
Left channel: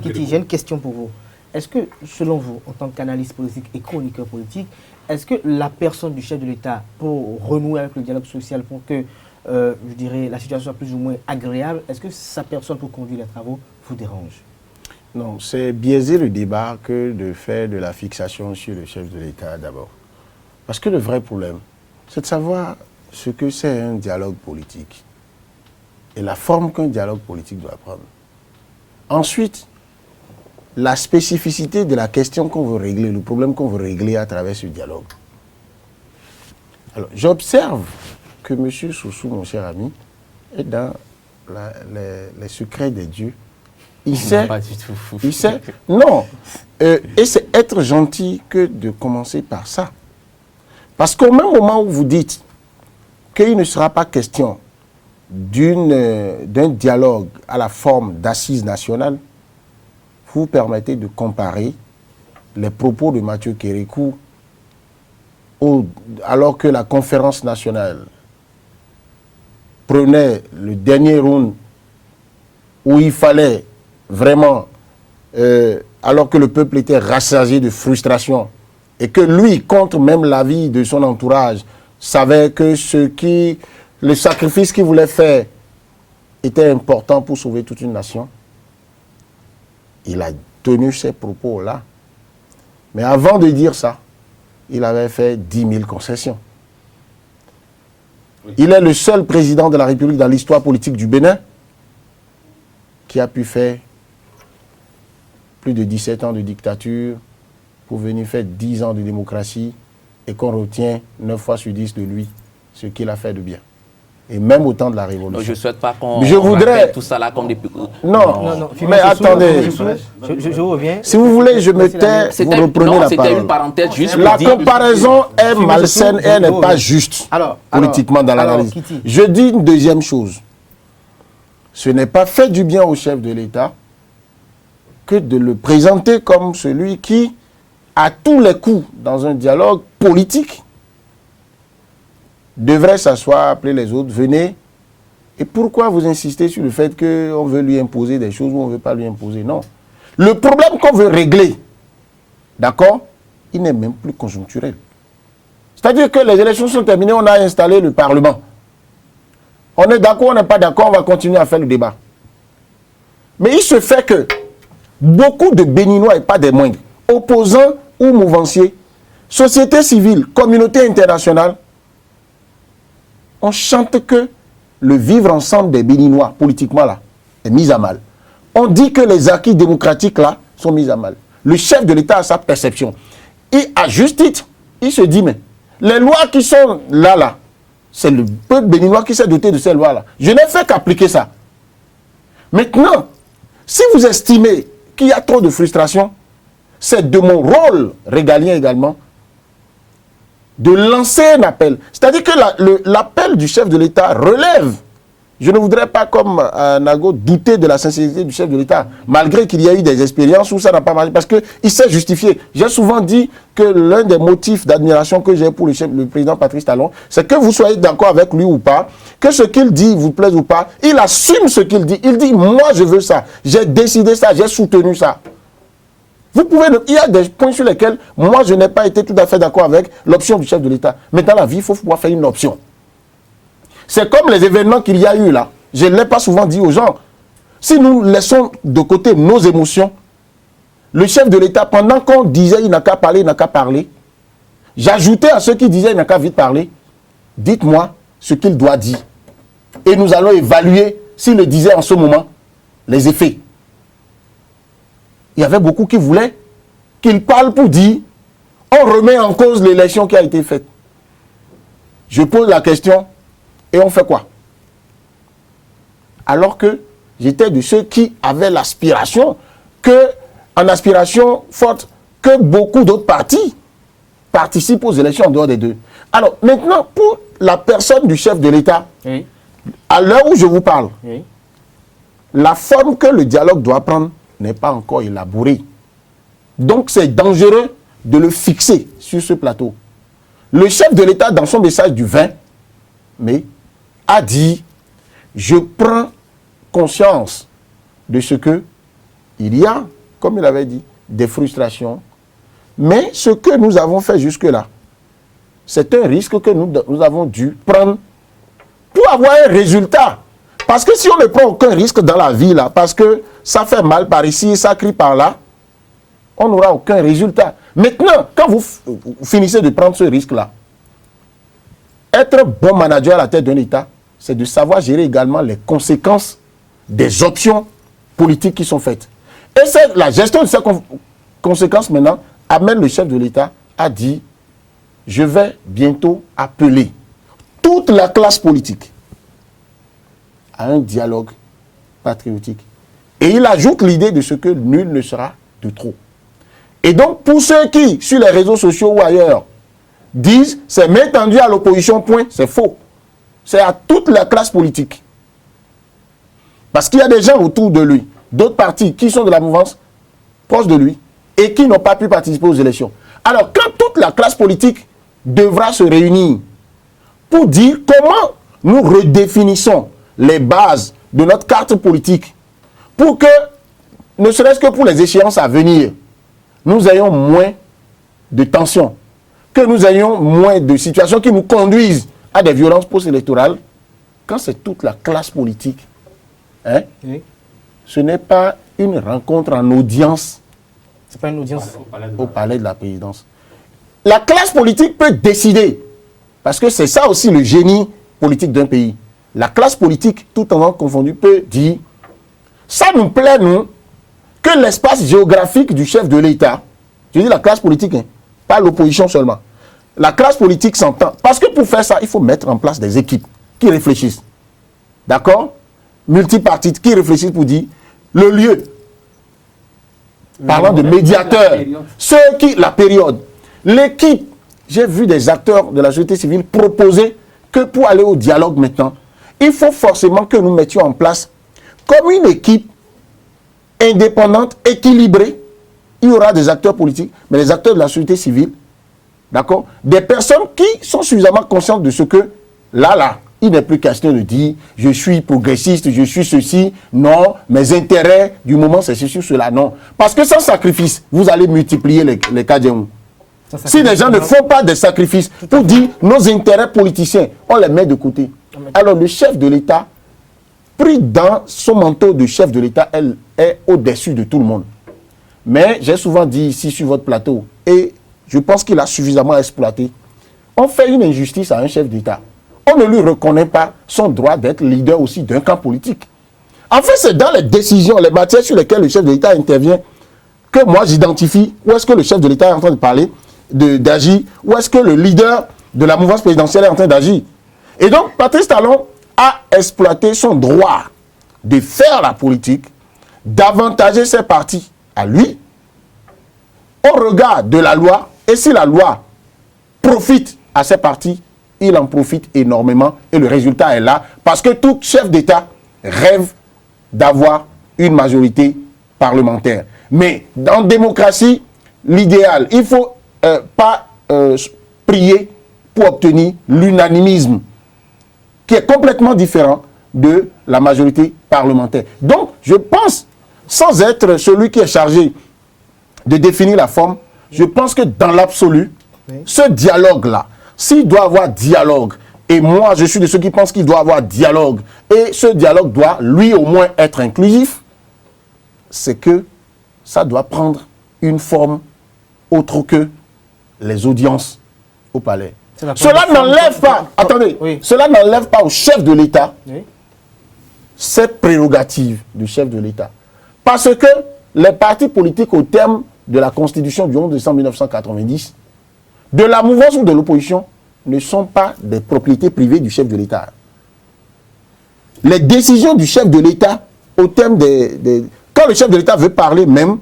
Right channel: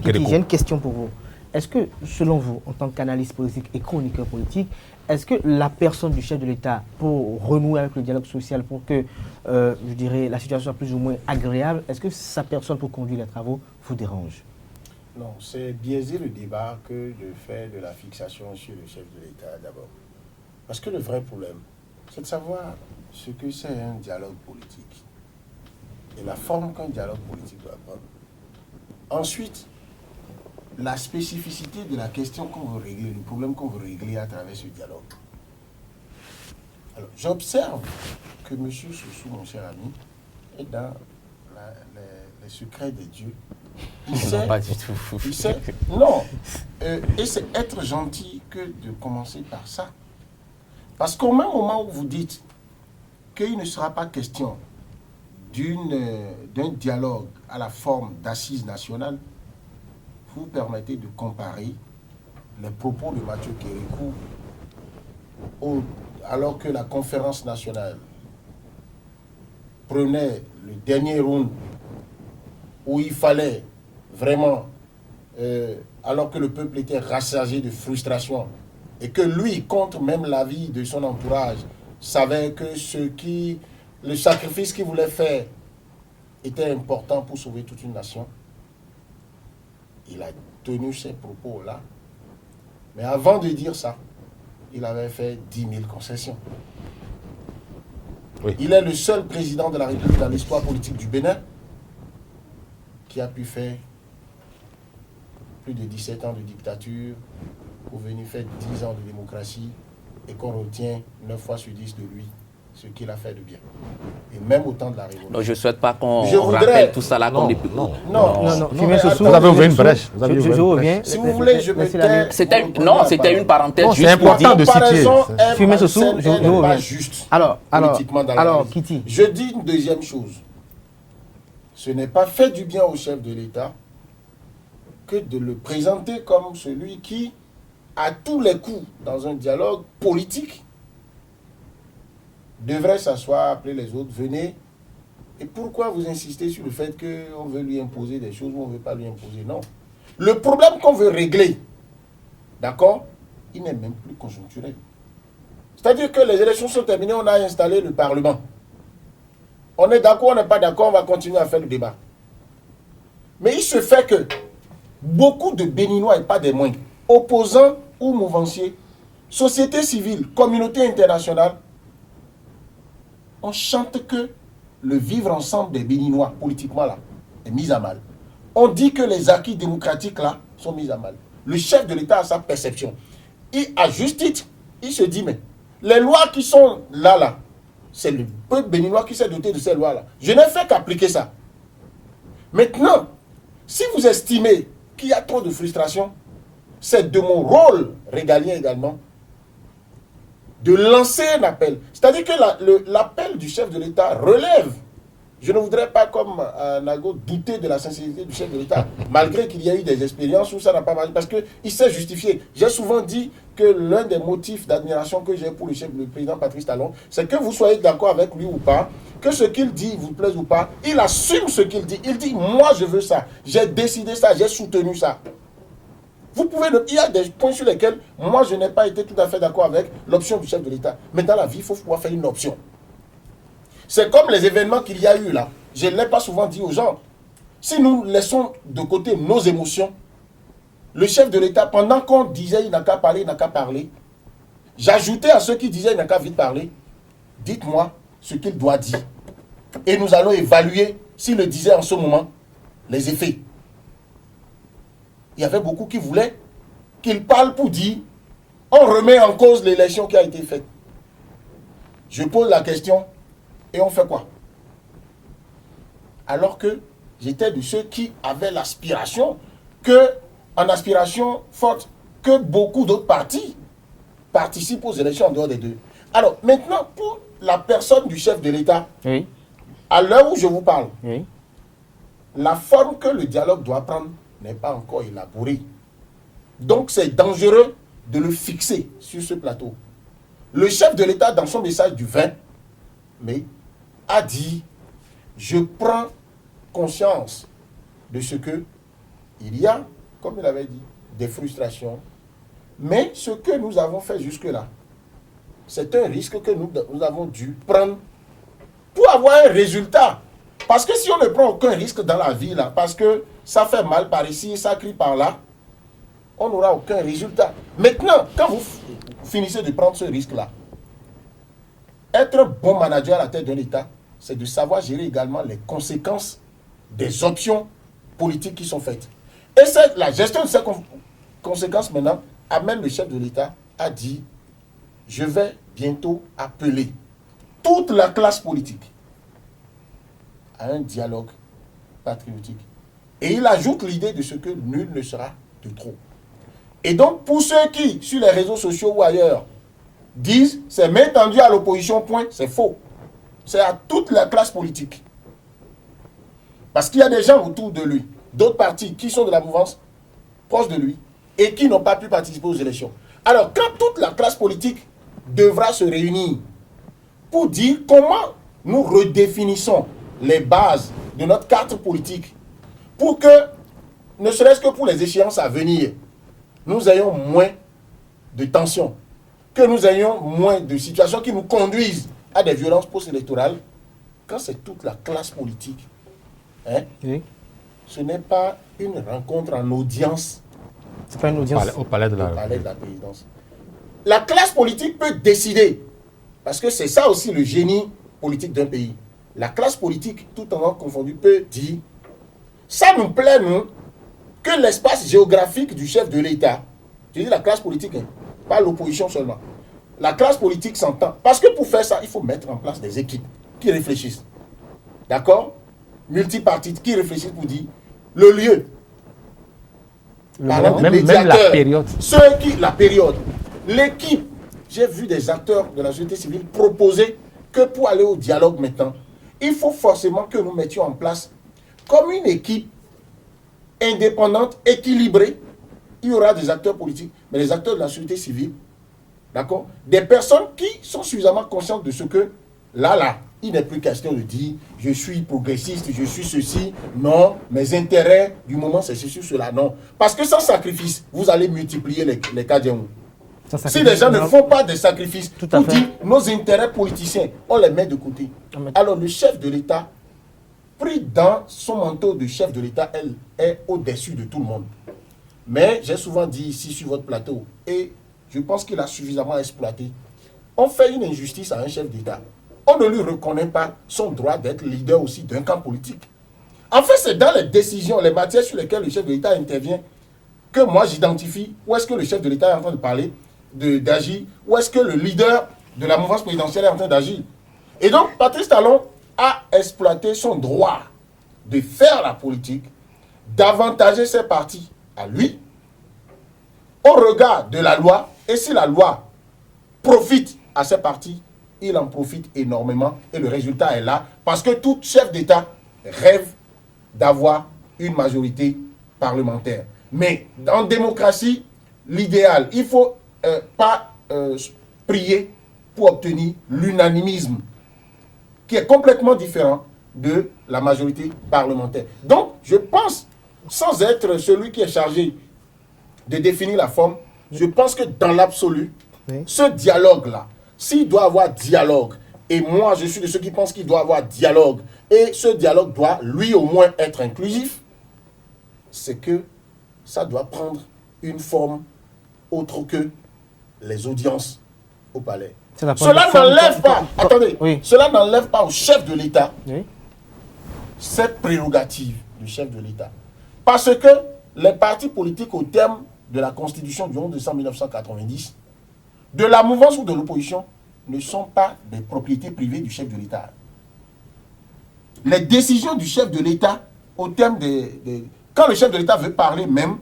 Kitty, j'ai une question pour vous. Est-ce que, selon vous, en tant qu'analyste politique et chroniqueur politique, est-ce que la personne du chef de l'État, pour renouer avec le dialogue social, pour que, je dirais, la situation soit plus ou moins agréable, est-ce que sa personne pour conduire les travaux vous dérange? Non, c'est biaiser le débat que de faire de la fixation sur le chef de l'État d'abord. Parce que le vrai problème, c'est de savoir ce que c'est un dialogue politique et la forme qu'un dialogue politique doit prendre. Ensuite, la spécificité de la question qu'on veut régler, le problème qu'on veut régler à travers ce dialogue. Alors, j'observe que M. Sossou, mon cher ami, est dans les secrets des dieux. Il sait, pas du tout. Il sait, non, et c'est être gentil que de commencer par ça. Parce qu'au même moment où vous dites qu'il ne sera pas question d'un dialogue à la forme d'assises nationales, vous permettez de comparer les propos de Mathieu Kérékou alors que la conférence nationale prenait le dernier round où il fallait vraiment, alors que le peuple était rassasié de frustration et que lui, contre même l'avis de son entourage, savait que le sacrifice qu'il voulait faire était important pour sauver toute une nation, il a tenu ces propos-là. Mais avant de dire ça, il avait fait 10 000 concessions. Oui. Il est le seul président de la République dans l'histoire politique du Bénin qui a pu faire plus de 17 ans de dictature pour venir faire 10 ans de démocratie et qu'on retient 9 fois sur 10 de lui ce qu'il a fait de bien. Et même au temps de la Révolution. Donc je ne souhaite pas qu'on rappelle tout ça là comme des... Non. Mais attendez, je reviens. Si vous voulez, je me tais. C'était une parenthèse juste pour dire. La comparaison est malsaine, elle n'est pas juste politiquement dans l'analyse. Je dis une deuxième chose. Ce n'est pas fait du bien au chef de l'État que de le présenter comme celui qui, à tous les coups, dans un dialogue politique, devrait s'asseoir, appeler les autres, venez. Et pourquoi vous insistez sur le fait qu'on veut lui imposer des choses ou on ne veut pas lui imposer? Non. Le problème qu'on veut régler, d'accord, il n'est même plus conjoncturel. C'est-à-dire que les élections sont terminées, on a installé le Parlement. On est d'accord, on n'est pas d'accord, on va continuer à faire le débat. Mais il se fait que beaucoup de Béninois, et pas des moindres, opposants ou mouvanciers, société civile, communauté internationale, on chante que le vivre ensemble des Béninois, politiquement là, est mis à mal. On dit que les acquis démocratiques là sont mis à mal. Le chef de l'État a sa perception. Et à juste titre, il se dit, mais les lois qui sont là, c'est le peuple béninois qui s'est doté de ces lois-là. Je n'ai fait qu'appliquer ça. Maintenant, si vous estimez qu'il y a trop de frustration, c'est de mon rôle régalien également de lancer un appel. C'est-à-dire que l'appel du chef de l'État relève. Je ne voudrais pas, comme Nago, douter de la sincérité du chef de l'État, malgré qu'il y a eu des expériences où ça n'a pas marché, parce qu'il s'est justifié. J'ai souvent dit que l'un des motifs d'admiration que j'ai pour le président Patrice Talon, c'est que vous soyez d'accord avec lui ou pas, que ce qu'il dit vous plaise ou pas, il assume ce qu'il dit. Il dit, moi je veux ça, j'ai décidé ça, j'ai soutenu ça. Vous pouvez, il y a des points sur lesquels, moi, je n'ai pas été tout à fait d'accord avec l'option du chef de l'État. Mais dans la vie, il faut pouvoir faire une option. C'est comme les événements qu'il y a eu là. Je ne l'ai pas souvent dit aux gens. Si nous laissons de côté nos émotions, le chef de l'État, pendant qu'on disait il n'a qu'à parler, j'ajoutais à ceux qui disaient il n'a qu'à vite parler, dites-moi ce qu'il doit dire. Et nous allons évaluer, s'il le disait en ce moment, les effets. Il y avait beaucoup qui voulaient qu'il parle pour dire on remet en cause l'élection qui a été faite. Je pose la question et on fait quoi? Alors que j'étais de ceux qui avaient l'aspiration, en aspiration forte, que beaucoup d'autres partis participent aux élections en dehors des deux. Alors maintenant, pour la personne du chef de l'État, oui, à l'heure où je vous parle, oui, la forme que le dialogue doit prendre n'est pas encore élaboré. Donc c'est dangereux de le fixer sur ce plateau. Le chef de l'État, dans son message du 20 mai, a dit « Je prends conscience de ce que il y a, comme il avait dit, des frustrations. Mais ce que nous avons fait jusque-là, c'est un risque que nous avons dû prendre pour avoir un résultat. Parce que si on ne prend aucun risque dans la vie, là, parce que ça fait mal par ici, ça crie par là, on n'aura aucun résultat. Maintenant, quand vous finissez de prendre ce risque-là, être bon manager à la tête d'un État, c'est de savoir gérer également les conséquences des options politiques qui sont faites. Et c'est la gestion de ces conséquences maintenant amène le chef de l'État à dire « Je vais bientôt appeler toute la classe politique à un dialogue patriotique. » Et il ajoute l'idée de ce que nul ne sera de trop. Et donc, pour ceux qui, sur les réseaux sociaux ou ailleurs, disent « c'est main tendue à l'opposition, point », c'est faux. C'est à toute la classe politique. Parce qu'il y a des gens autour de lui, d'autres partis qui sont de la mouvance, proches de lui, et qui n'ont pas pu participer aux élections. Alors, quand toute la classe politique devra se réunir pour dire comment nous redéfinissons les bases de notre carte politique, pour que, ne serait-ce que pour les échéances à venir, nous ayons moins de tensions, que nous ayons moins de situations qui nous conduisent à des violences post-électorales, quand c'est toute la classe politique Hein? Oui. Ce n'est pas une rencontre en audience C'est pas une audience. Au palais de la présidence. La classe politique peut décider, parce que c'est ça aussi le génie politique d'un pays. La classe politique, tout en confondu, peut dire, ça nous plaît, nous, que l'espace géographique du chef de l'État, je dis la classe politique, hein, pas l'opposition seulement, la classe politique s'entend. Parce que pour faire ça, il faut mettre en place des équipes qui réfléchissent. D'accord? Multipartites qui réfléchissent pour dire le lieu. Parlant de médiateurs, la période, l'équipe, j'ai vu des acteurs de la société civile proposer que pour aller au dialogue maintenant, il faut forcément que nous mettions en place comme une équipe indépendante, équilibrée. Il y aura des acteurs politiques, mais des acteurs de la société civile, d'accord? Des personnes qui sont suffisamment conscientes de ce que, là, il n'est plus question de dire je suis progressiste, je suis ceci, non, mes intérêts du moment c'est ceci ou cela, non. Parce que sans sacrifice, vous allez multiplier les cas de si les gens ne font pas de sacrifices pour dire nos intérêts politiciens, on les met de côté. Alors le chef de l'État, pris dans son manteau de chef de l'État, elle est au-dessus de tout le monde. Mais j'ai souvent dit ici sur votre plateau, et je pense qu'il a suffisamment exploité, on fait une injustice à un chef d'État. On ne lui reconnaît pas son droit d'être leader aussi d'un camp politique. En fait, c'est dans les décisions, les matières sur lesquelles le chef de l'État intervient, que moi j'identifie où est-ce que le chef de l'État est en train de parler, d'agir, où est-ce que le leader de la mouvance présidentielle est en train d'agir. Et donc, Patrice Talon a exploité son droit de faire la politique, d'avantager ses partis à lui, au regard de la loi, et si la loi profite à ses partis, il en profite énormément et le résultat est là parce que tout chef d'État rêve d'avoir une majorité parlementaire. Mais en démocratie, l'idéal, il ne faut pas prier pour obtenir l'unanimisme qui est complètement différent de la majorité parlementaire. Donc, je pense, sans être celui qui est chargé de définir la forme, je pense que dans l'absolu, ce dialogue-là, s'il doit avoir dialogue, et moi je suis de ceux qui pensent qu'il doit avoir dialogue, et ce dialogue doit lui au moins être inclusif, c'est que ça doit prendre une forme autre que les audiences au palais. Cela n'enlève pas, cela n'enlève pas au chef de l'État ses prérogatives du chef de l'État. Parce que les partis politiques au terme de la Constitution du 11 décembre 1990, de la mouvance ou de l'opposition, ne sont pas des propriétés privées du chef de l'État. Les décisions du chef de l'État, au terme quand le chef de l'État veut parler même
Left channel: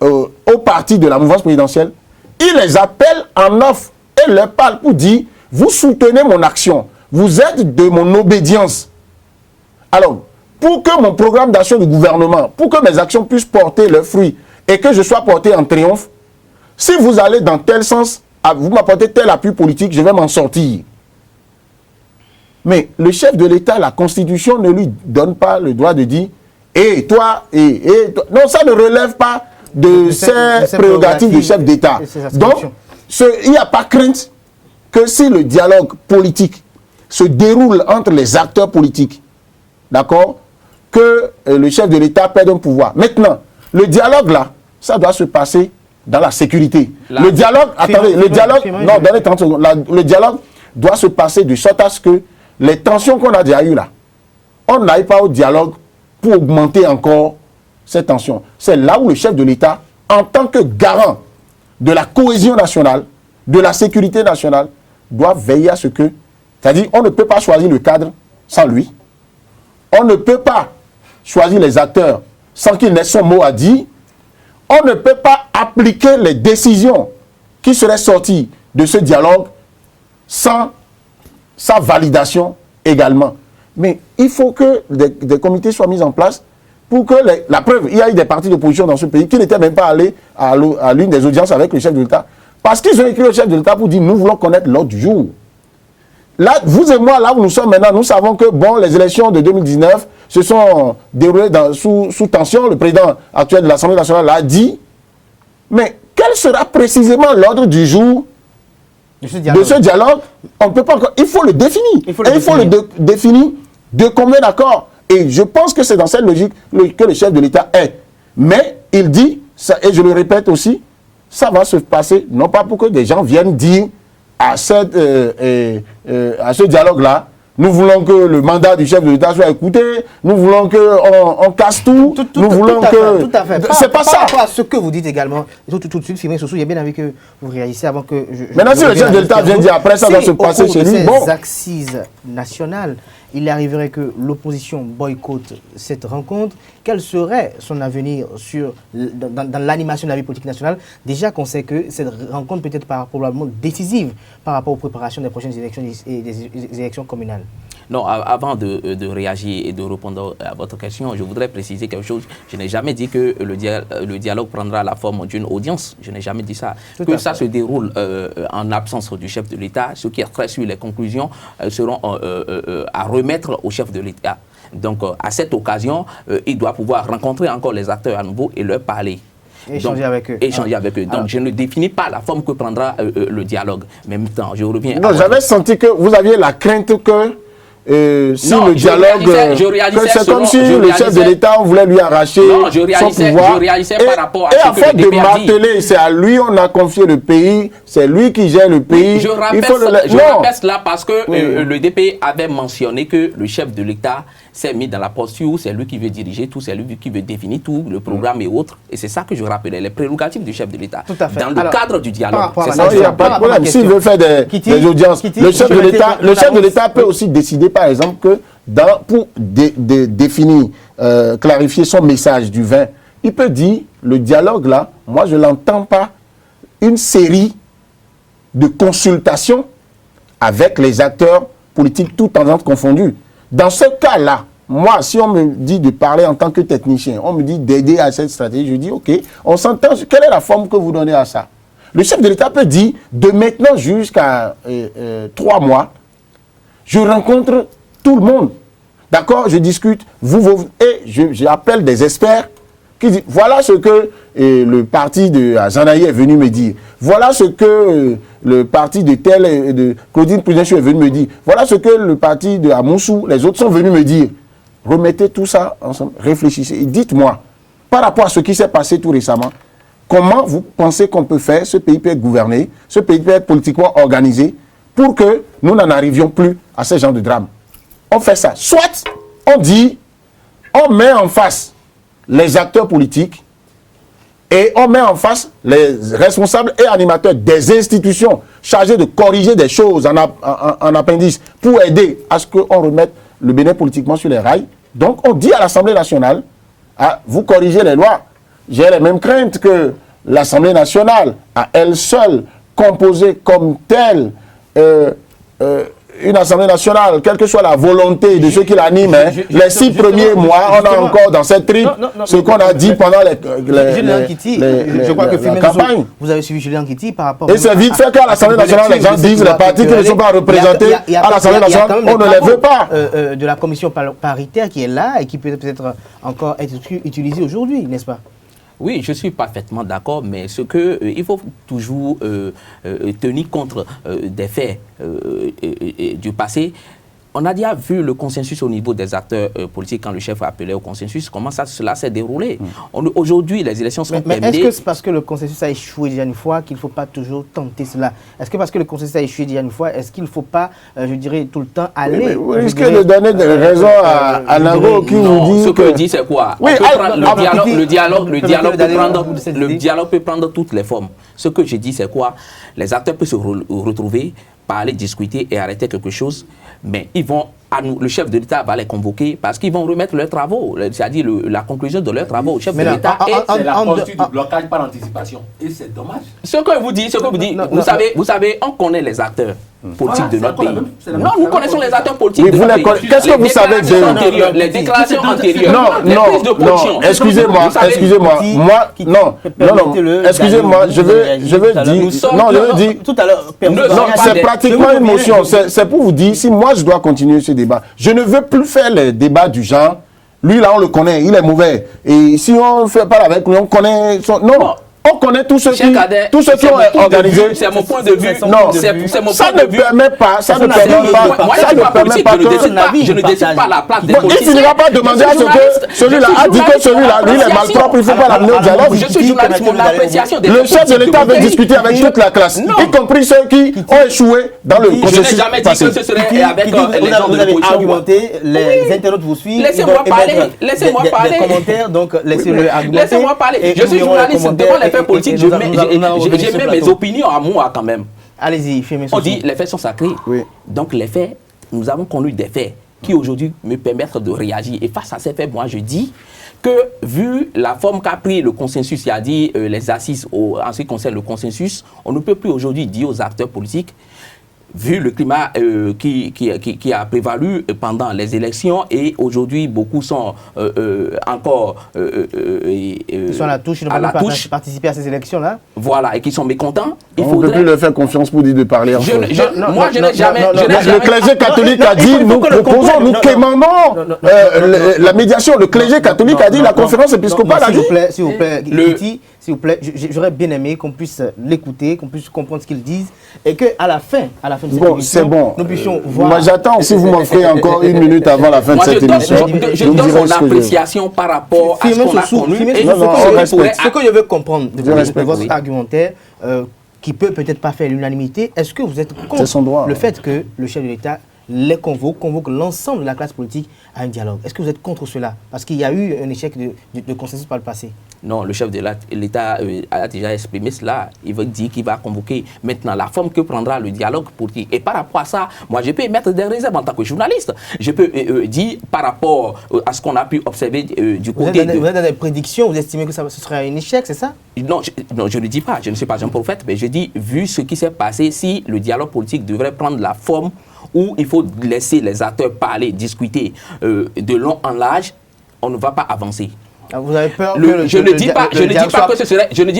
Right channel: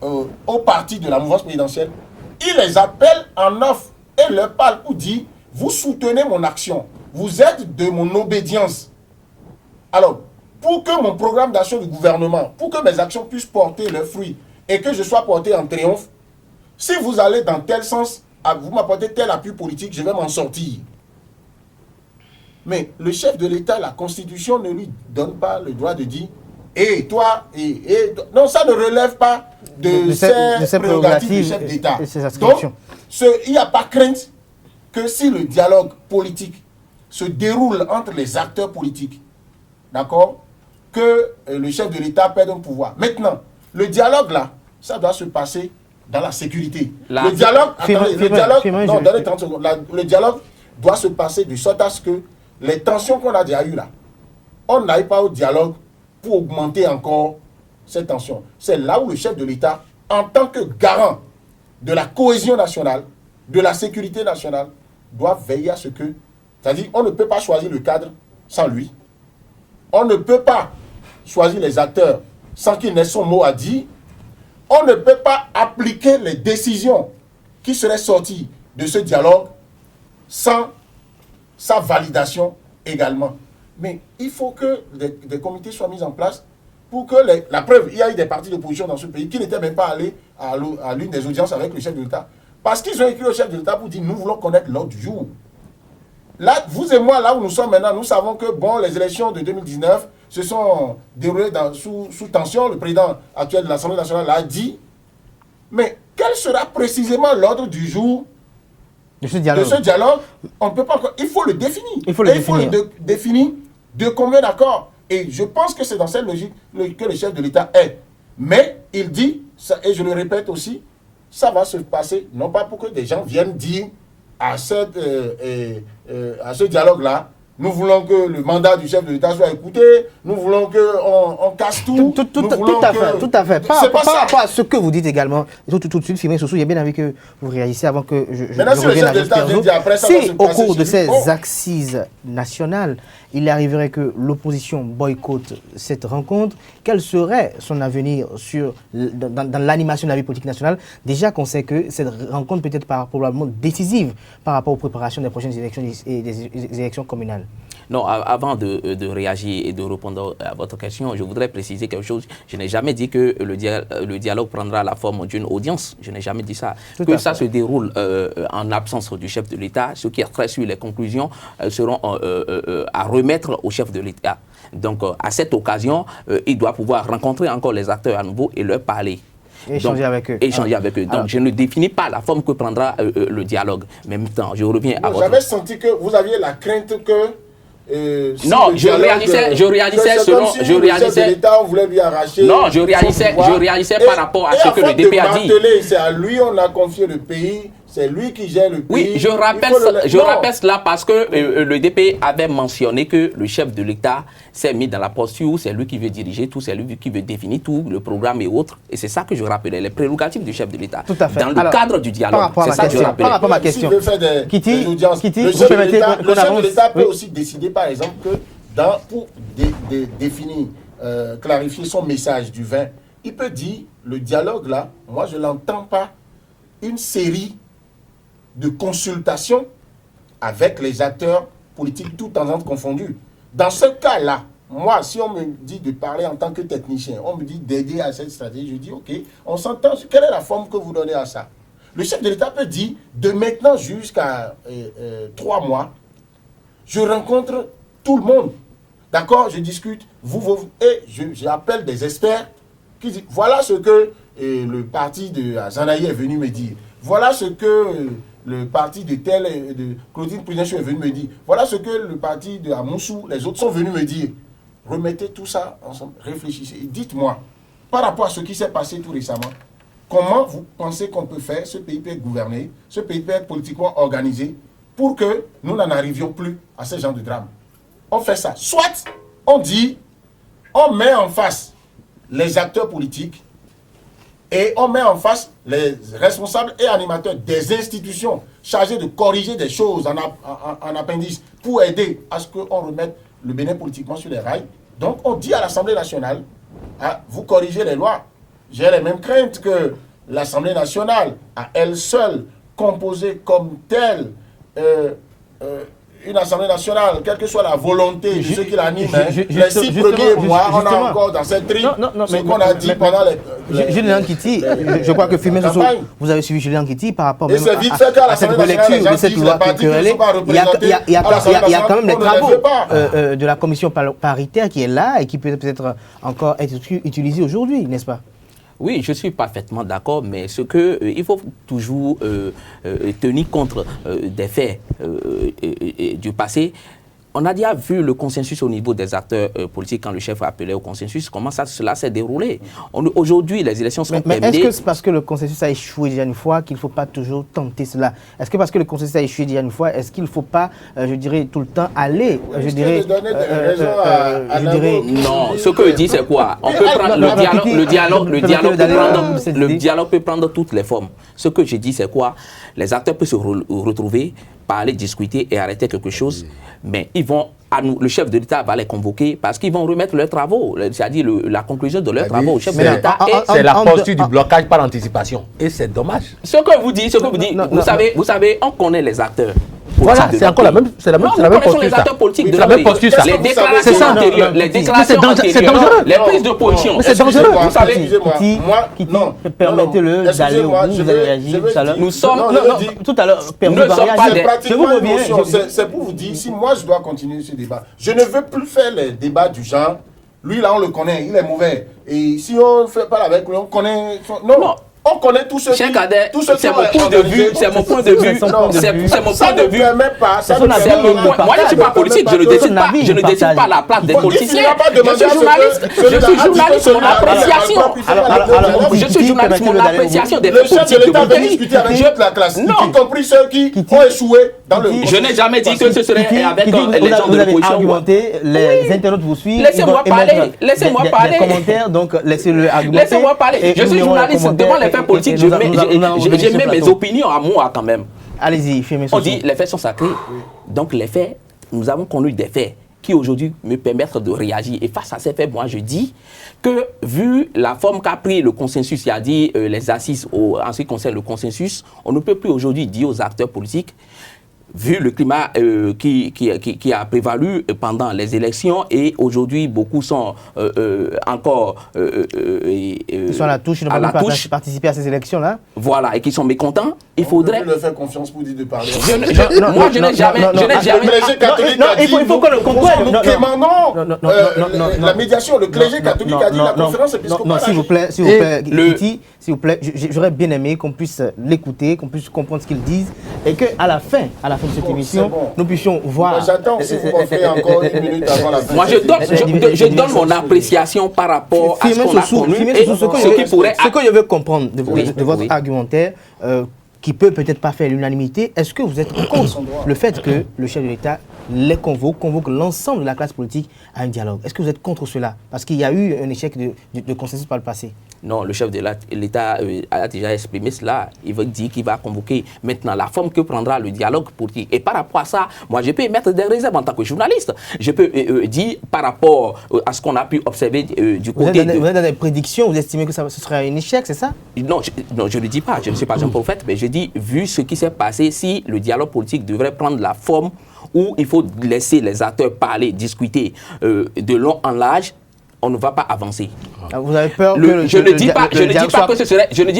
au parti de la mouvance présidentielle, il les appelle en offre et leur parle pour dire « Vous soutenez mon action, vous êtes de mon obédience. » Alors, pour que mon programme d'action du gouvernement, pour que mes actions puissent porter leurs fruits et que je sois porté en triomphe, si vous allez dans tel sens, vous m'apportez tel appui politique, je vais m'en sortir. Mais le chef de l'État, la Constitution ne lui donne pas le droit de dire « Et toi, et toi ». Non, ça ne relève pas de ces prérogatives du chef d'État. Donc, il n'y a pas crainte que si le dialogue politique se déroule entre les acteurs politiques, d'accord, que le chef de l'État perde un pouvoir. Maintenant, le dialogue là, ça doit se passer dans la sécurité. Le dialogue, le dialogue doit se passer de sorte à ce que les tensions qu'on a déjà eues là, on n'aille pas au dialogue pour augmenter encore ces tensions. C'est là où le chef de l'État, en tant que garant de la cohésion nationale, de la sécurité nationale, doit veiller à ce que, c'est-à-dire on ne peut pas choisir le cadre sans lui, on ne peut pas choisir les acteurs sans qu'il n'ait son mot à dire, on ne peut pas appliquer les décisions qui seraient sorties de ce dialogue sans sa validation également. Mais il faut que des comités soient mis en place pour que la preuve, il y a eu des partis d'opposition dans ce pays qui n'étaient même pas allés à l'une des audiences avec le chef de l'État. Parce qu'ils ont écrit au chef de l'État pour dire nous voulons connaître l'ordre du jour. Là, vous et moi, là où nous sommes maintenant, nous savons que bon, les élections de 2019 se sont déroulées sous tension. Le président actuel de l'Assemblée nationale l'a dit. Mais quel sera précisément l'ordre du jour de ce dialogue? On ne peut pas encore. Il faut le définir. Il faut le définir de commun accord. Et je pense que c'est dans cette logique que le chef de l'État est. Mais il dit, ça, et je le répète aussi, ça va se passer, non pas pour que des gens viennent dire à ce dialogue-là, nous voulons que le mandat du chef de l'État soit écouté, nous voulons qu'on casse tout, nous voulons que... Tout à fait. C'est pas ça. Par rapport à ce que vous dites également, tout de suite, Firmin Sossou, j'ai bien envie que vous réagissez avant que je... Maintenant, si le chef de l'État vient dire après, ça va se passer chez lui. Si au cours de ces assises nationales, il arriverait que l'opposition boycotte cette rencontre, quel serait son avenir dans l'animation de la vie politique nationale? Déjà qu'on sait que cette rencontre peut être probablement décisive par rapport aux préparations des prochaines élections et des élections communales. Non, avant de réagir et de répondre à votre question, je voudrais préciser quelque chose. Je n'ai jamais dit que le dialogue prendra la forme d'une audience. Je n'ai jamais dit ça. Que ça se déroule en absence du chef de l'État. Ce qui est très sur les conclusions seront à remettre au chef de l'État. Donc, à cette occasion, il doit pouvoir rencontrer encore les acteurs à nouveau et leur parler. Échanger avec eux. Donc, je ne définis pas la forme que prendra le dialogue. Mais en même temps, je reviens à j'avais senti que vous aviez la crainte que... non, je réalisais selon le chef de l'État, on voulait lui arracher. Non, je réalisais par rapport à ce que le DP a dit. C'est à lui on a confié le pays, c'est lui qui gère le pays. Oui, je rappelle cela parce que le DP avait mentionné que le chef de l'État s'est mis dans la posture où c'est lui qui veut diriger tout, c'est lui qui veut définir tout, le programme et autres. Et c'est ça que je rappelais, les prérogatives du chef de l'État. Dans le cadre du dialogue. C'est ça que je rappelle. S'il veut faire des audiences, le chef de l'État peut aussi décider, par exemple, que pour définir, clarifier son message du 20, il peut dire, le dialogue là, moi je ne l'entends pas, une série de consultations avec les acteurs politiques, tout en confondus. Dans ce cas-là, moi, si on me dit de parler en tant que technicien, on me dit d'aider à cette stratégie, je dis, ok, on s'entend, quelle est la forme que vous donnez à ça? Le chef de l'État peut dire, de maintenant jusqu'à 3 mois, je rencontre tout le monde. D'accord? Je discute, et j'appelle des experts qui disent, voilà ce que le parti de Zanaï est venu me dire. Voilà ce que le parti de Claudine Poudenchou est venu me dire. Voilà ce que le parti de Amoussou, les autres sont venus me dire. Remettez tout ça ensemble, réfléchissez et dites-moi, par rapport à ce qui s'est passé tout récemment, comment vous pensez qu'on peut faire, ce pays peut être gouverné, ce pays peut être politiquement organisé, pour que nous n'en arrivions plus à ce genre de drame. On fait ça. Soit on dit, on met en face les acteurs politiques et on met en face les responsables et animateurs des institutions chargés de corriger des choses en appendice pour aider à ce qu'on remette le Bénin politiquement sur les rails. Donc on dit à l'Assemblée nationale, vous corrigez les lois. J'ai les mêmes craintes que l'Assemblée nationale, à elle seule, composée comme telle, une Assemblée nationale, quelle que soit la volonté de ceux qui l'animent, les 6 premiers mois, on a encore dans cette tripe ce qu'on a dit pendant les Julien Kiti, je crois que Firmin Sossou, vous avez suivi Julien Kiti par rapport... Et c'est vite fait qu'à l'Assemblée nationale, les gens disent les partis qui ne sont pas représentés à l'Assemblée nationale, on ne les veut pas. De la commission paritaire qui est là et qui peut peut-être encore être utilisée aujourd'hui, n'est-ce pas? Oui, je suis parfaitement d'accord, mais il faut toujours tenir compte des faits du passé. On a déjà vu le consensus au niveau des acteurs politiques quand le chef a appelé au consensus. Comment cela s'est déroulé? Aujourd'hui, les élections sont terminées. Mais est-ce que c'est parce que le consensus a échoué déjà une fois qu'il ne faut pas toujours tenter cela? Est-ce que parce que le consensus a échoué déjà une fois, est-ce qu'il ne faut pas, je dirais, tout le temps aller Est-ce que de donner des raisons à Navo qui nous dit... Ce que je dis, c'est quoi? Le dialogue peut prendre toutes les formes. Ce que je dis, c'est quoi? Les acteurs peuvent se retrouver, parler, discuter et arrêter quelque chose, mais le chef de l'État va les convoquer parce qu'ils vont remettre leurs travaux, c'est-à-dire la conclusion de leurs travaux au chef de l'État. C'est la posture du blocage par anticipation. Et c'est dommage. Ce que vous dites, vous savez, on connaît les acteurs politiques de notre pays. Nous connaissons les acteurs politiques de notre pays. Les déclarations antérieures, les prises de position. Excusez-moi, excusez-moi, je veux dire, nous sommes tout à l'heure, c'est pratiquement une motion. C'est pour vous dire, si moi je dois continuer ce débat, je ne veux plus faire les débats du genre, lui là on le connaît, il est mauvais. Et si on ne fait pas avec lui, on connaît son... Non, On connaît tous ceux qui ont organisé. C'est mon point de vue. C'est mon point de vue. Ça ne permet pas. Moi, je ne suis pas politique. Je ne décide pas la place des politiciens. Il ne va pas demander à celui-là a dit que celui-là il est malpropre. Il ne faut pas l'amener au dialogue. Je suis journaliste. Mon appréciation des politiques. Le chef de l'État veut discuter avec toute la classe, y compris ceux qui ont échoué dans le processus. Je n'ai jamais dit que ce serait avec les gens de l'opposition. Les internautes vous suivent. Laissez-moi parler. Laissez-moi parler. Des commentaires, donc laissez-le argumenter. Laissez-moi parler. Je suis journaliste devant les faits politiques. Je mets mes opinions à moi quand même. Allez-y, filmez ça. On dit les faits sont sacrés. Oui. Donc les faits, nous avons connu des faits qui aujourd'hui me permettent de réagir. Et face à ces faits, moi je dis que vu la forme qu'a pris le consensus, il a dit les assises en ce qui concerne le consensus, on ne peut plus aujourd'hui dire aux acteurs politiques, vu le climat qui a prévalu pendant les élections, et aujourd'hui beaucoup sont encore ils sont à la touche, ils n'ont pas pu participer à ces élections-là. Voilà, et qui sont mécontents. Il faudrait plus leur faire confiance pour dire de parler. Moi, je n'ai jamais. Le clergé catholique a dit nous quémandons la médiation. Le clergé catholique a dit la conférence épiscopale. S'il vous plaît, j'aurais bien aimé qu'on puisse l'écouter, qu'on puisse comprendre ce qu'ils disent, et qu'à la fin de cette émission, nous puissions voir. Moi, j'attends si vous m'offrez encore une minute avant la fin de cette émission. Je donne mon appréciation par rapport à ce qu'on a connu et ce que je veux comprendre de votre argumentaire, qui peut-être pas faire l'unanimité. Est-ce que vous êtes contre le fait que le chef de l'État les convoque l'ensemble de la classe politique à un dialogue? Est-ce que vous êtes contre cela? Parce qu'il y a eu un échec de consensus par le passé. Non, le chef de l'État a déjà exprimé cela. Il veut dire qu'il va convoquer maintenant la forme que prendra le dialogue politique. Et par rapport à ça, moi, je peux émettre des réserves en tant que journaliste. Je peux dire par rapport à ce qu'on a pu observer du côté Vous êtes dans des prédictions, vous estimez que ce sera un échec, c'est ça? Non, je ne dis pas. Je ne suis pas un prophète, mais je dis, vu ce qui s'est passé, si le dialogue politique devrait prendre la forme où il faut laisser les acteurs parler, discuter de long en large, on ne va pas avancer. Vous avez peur je ne dis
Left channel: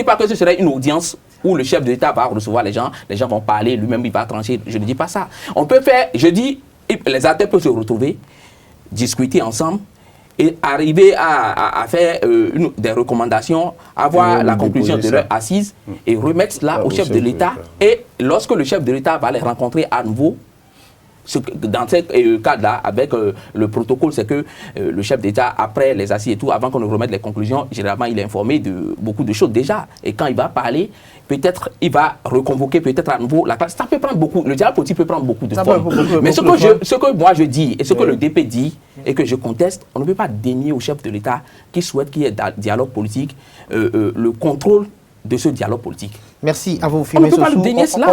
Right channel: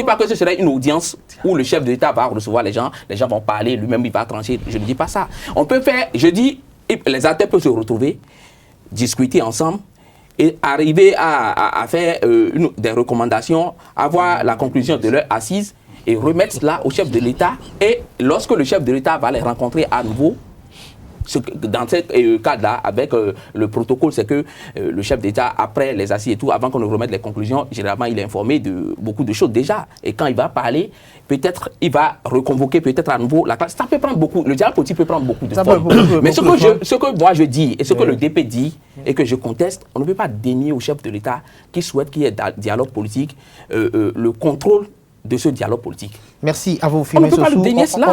pas que ce serait une audience où le chef de l'État va recevoir les gens vont parler, lui-même il va trancher. Je ne dis pas ça. On peut faire, je dis, les acteurs peuvent se retrouver, discuter ensemble et arriver à faire des recommandations, avoir la conclusion de leur assise et remettre cela au chef de l'État. Et lorsque le chef de l'État va les rencontrer à nouveau, dans ce cas-là, avec le protocole, c'est que le chef d'État, après les assises et tout, avant qu'on ne remette les conclusions, généralement, il est informé de beaucoup de choses déjà. Et quand il va parler, peut-être il va reconvoquer peut-être à nouveau la classe. Ça peut prendre beaucoup, le dialogue politique peut prendre beaucoup de formes. Mais ce que moi je dis, et ce que le DP dit, et que je conteste, on ne peut pas dénier au chef de l'État qui souhaite qu'il y ait un dialogue politique, le contrôle de ce dialogue politique. Merci à vous, Firmin Sossou.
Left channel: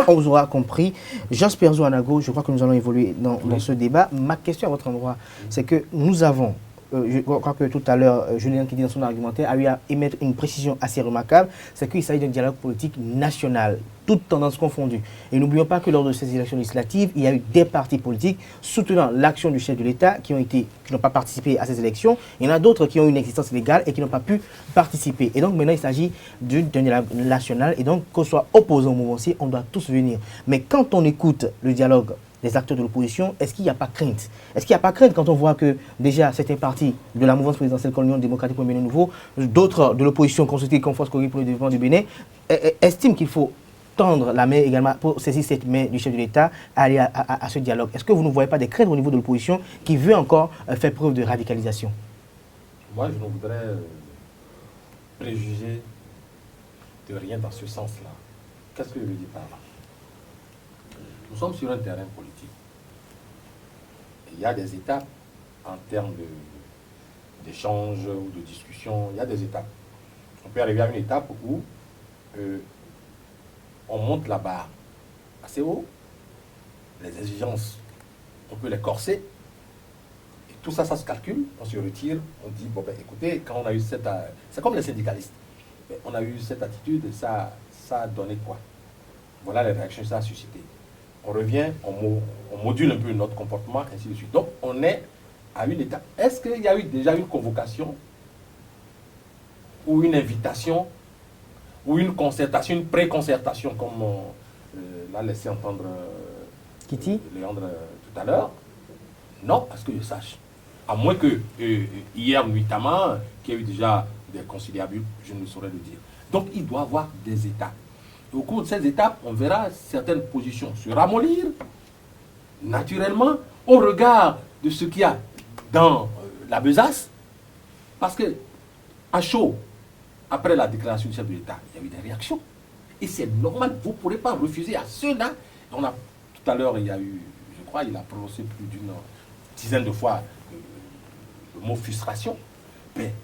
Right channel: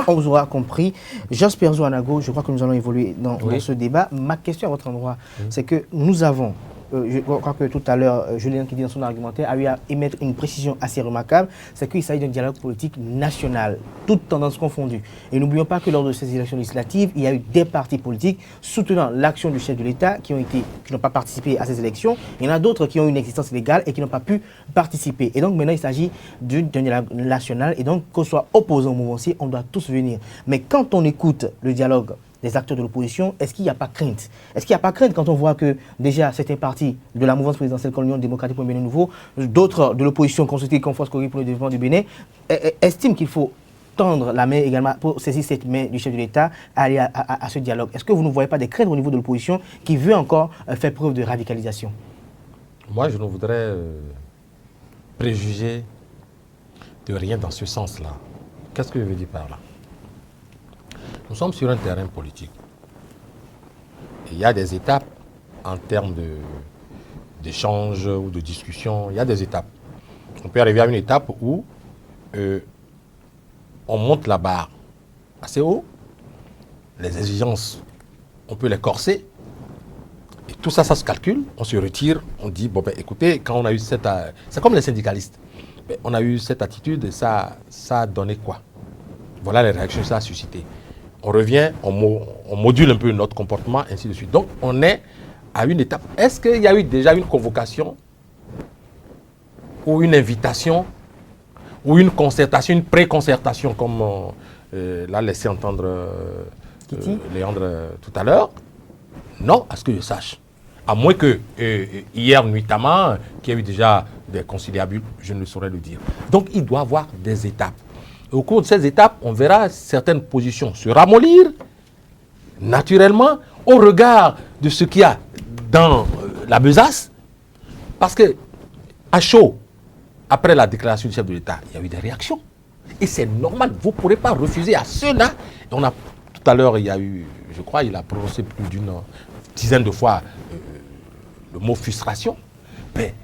On vous aura compris. Jasper Zouanago, je crois que nous allons évoluer dans ce débat. Ma question à votre endroit, c'est que nous avons, je crois que tout à l'heure, Julien qui dit dans son argumentaire, a eu à émettre une précision assez remarquable, c'est qu'il s'agit d'un dialogue politique national, toutes tendances confondues. Et n'oublions pas que lors de ces élections législatives, il y a eu des partis politiques soutenant l'action du chef de l'État qui n'ont pas participé à ces élections. Il y en a d'autres qui ont une existence légale et qui n'ont pas pu participer. Et donc maintenant, il s'agit d'un dialogue national. Et donc, qu'on soit opposé au mouvement-ci, on doit tous venir. Mais quand on écoute le dialogue des acteurs de l'opposition, est-ce qu'il n'y a pas crainte? Est-ce qu'il n'y a pas crainte quand on voit que déjà certains partis de la mouvance présidentielle comme l'Union démocratique pour le Bénin nouveau, d'autres de l'opposition consultée comme Force Corée pour le développement du Bénin, estiment qu'il faut tendre la main également pour saisir cette main du chef de l'État à aller à ce dialogue? Est-ce que vous ne voyez pas des craintes au niveau de l'opposition qui veut encore faire preuve de radicalisation? Moi, je ne voudrais préjuger de rien dans ce sens-là. Qu'est-ce que je veux dire par là? Nous sommes sur un terrain politique. Il y a des étapes en termes d'échange ou de discussion. Il y a des étapes. On peut arriver à une étape où on monte la barre assez haut. Les exigences, on peut les corser. Et tout ça, ça se calcule. On se retire. On dit, bon, ben, écoutez, quand on a eu cette... c'est comme les syndicalistes. Ben, on a eu cette attitude et ça a donné quoi? Voilà les réactions que ça a suscité. On revient, on module un peu notre comportement, ainsi de suite. Donc, on est à une étape. Est-ce qu'il y a eu déjà une convocation ou une invitation ou une concertation, une pré-concertation, comme l'a laissé entendre Léandre tout à l'heure? Non, à ce que je sache. À moins que hier nuitamment, qu'il y ait eu déjà des conciliabules, je ne saurais le dire. Donc il doit y avoir des étapes. Et au cours de ces étapes, on verra certaines positions se ramollir naturellement au regard de ce qu'il y a dans la besace. Parce que à chaud, après la déclaration du chef de l'État, il y a eu des réactions. Et c'est normal, vous ne pourrez pas refuser à ceux-là. On a, tout à l'heure, il y a eu, je crois, il a prononcé plus d'une dizaine de fois le mot frustration. Mais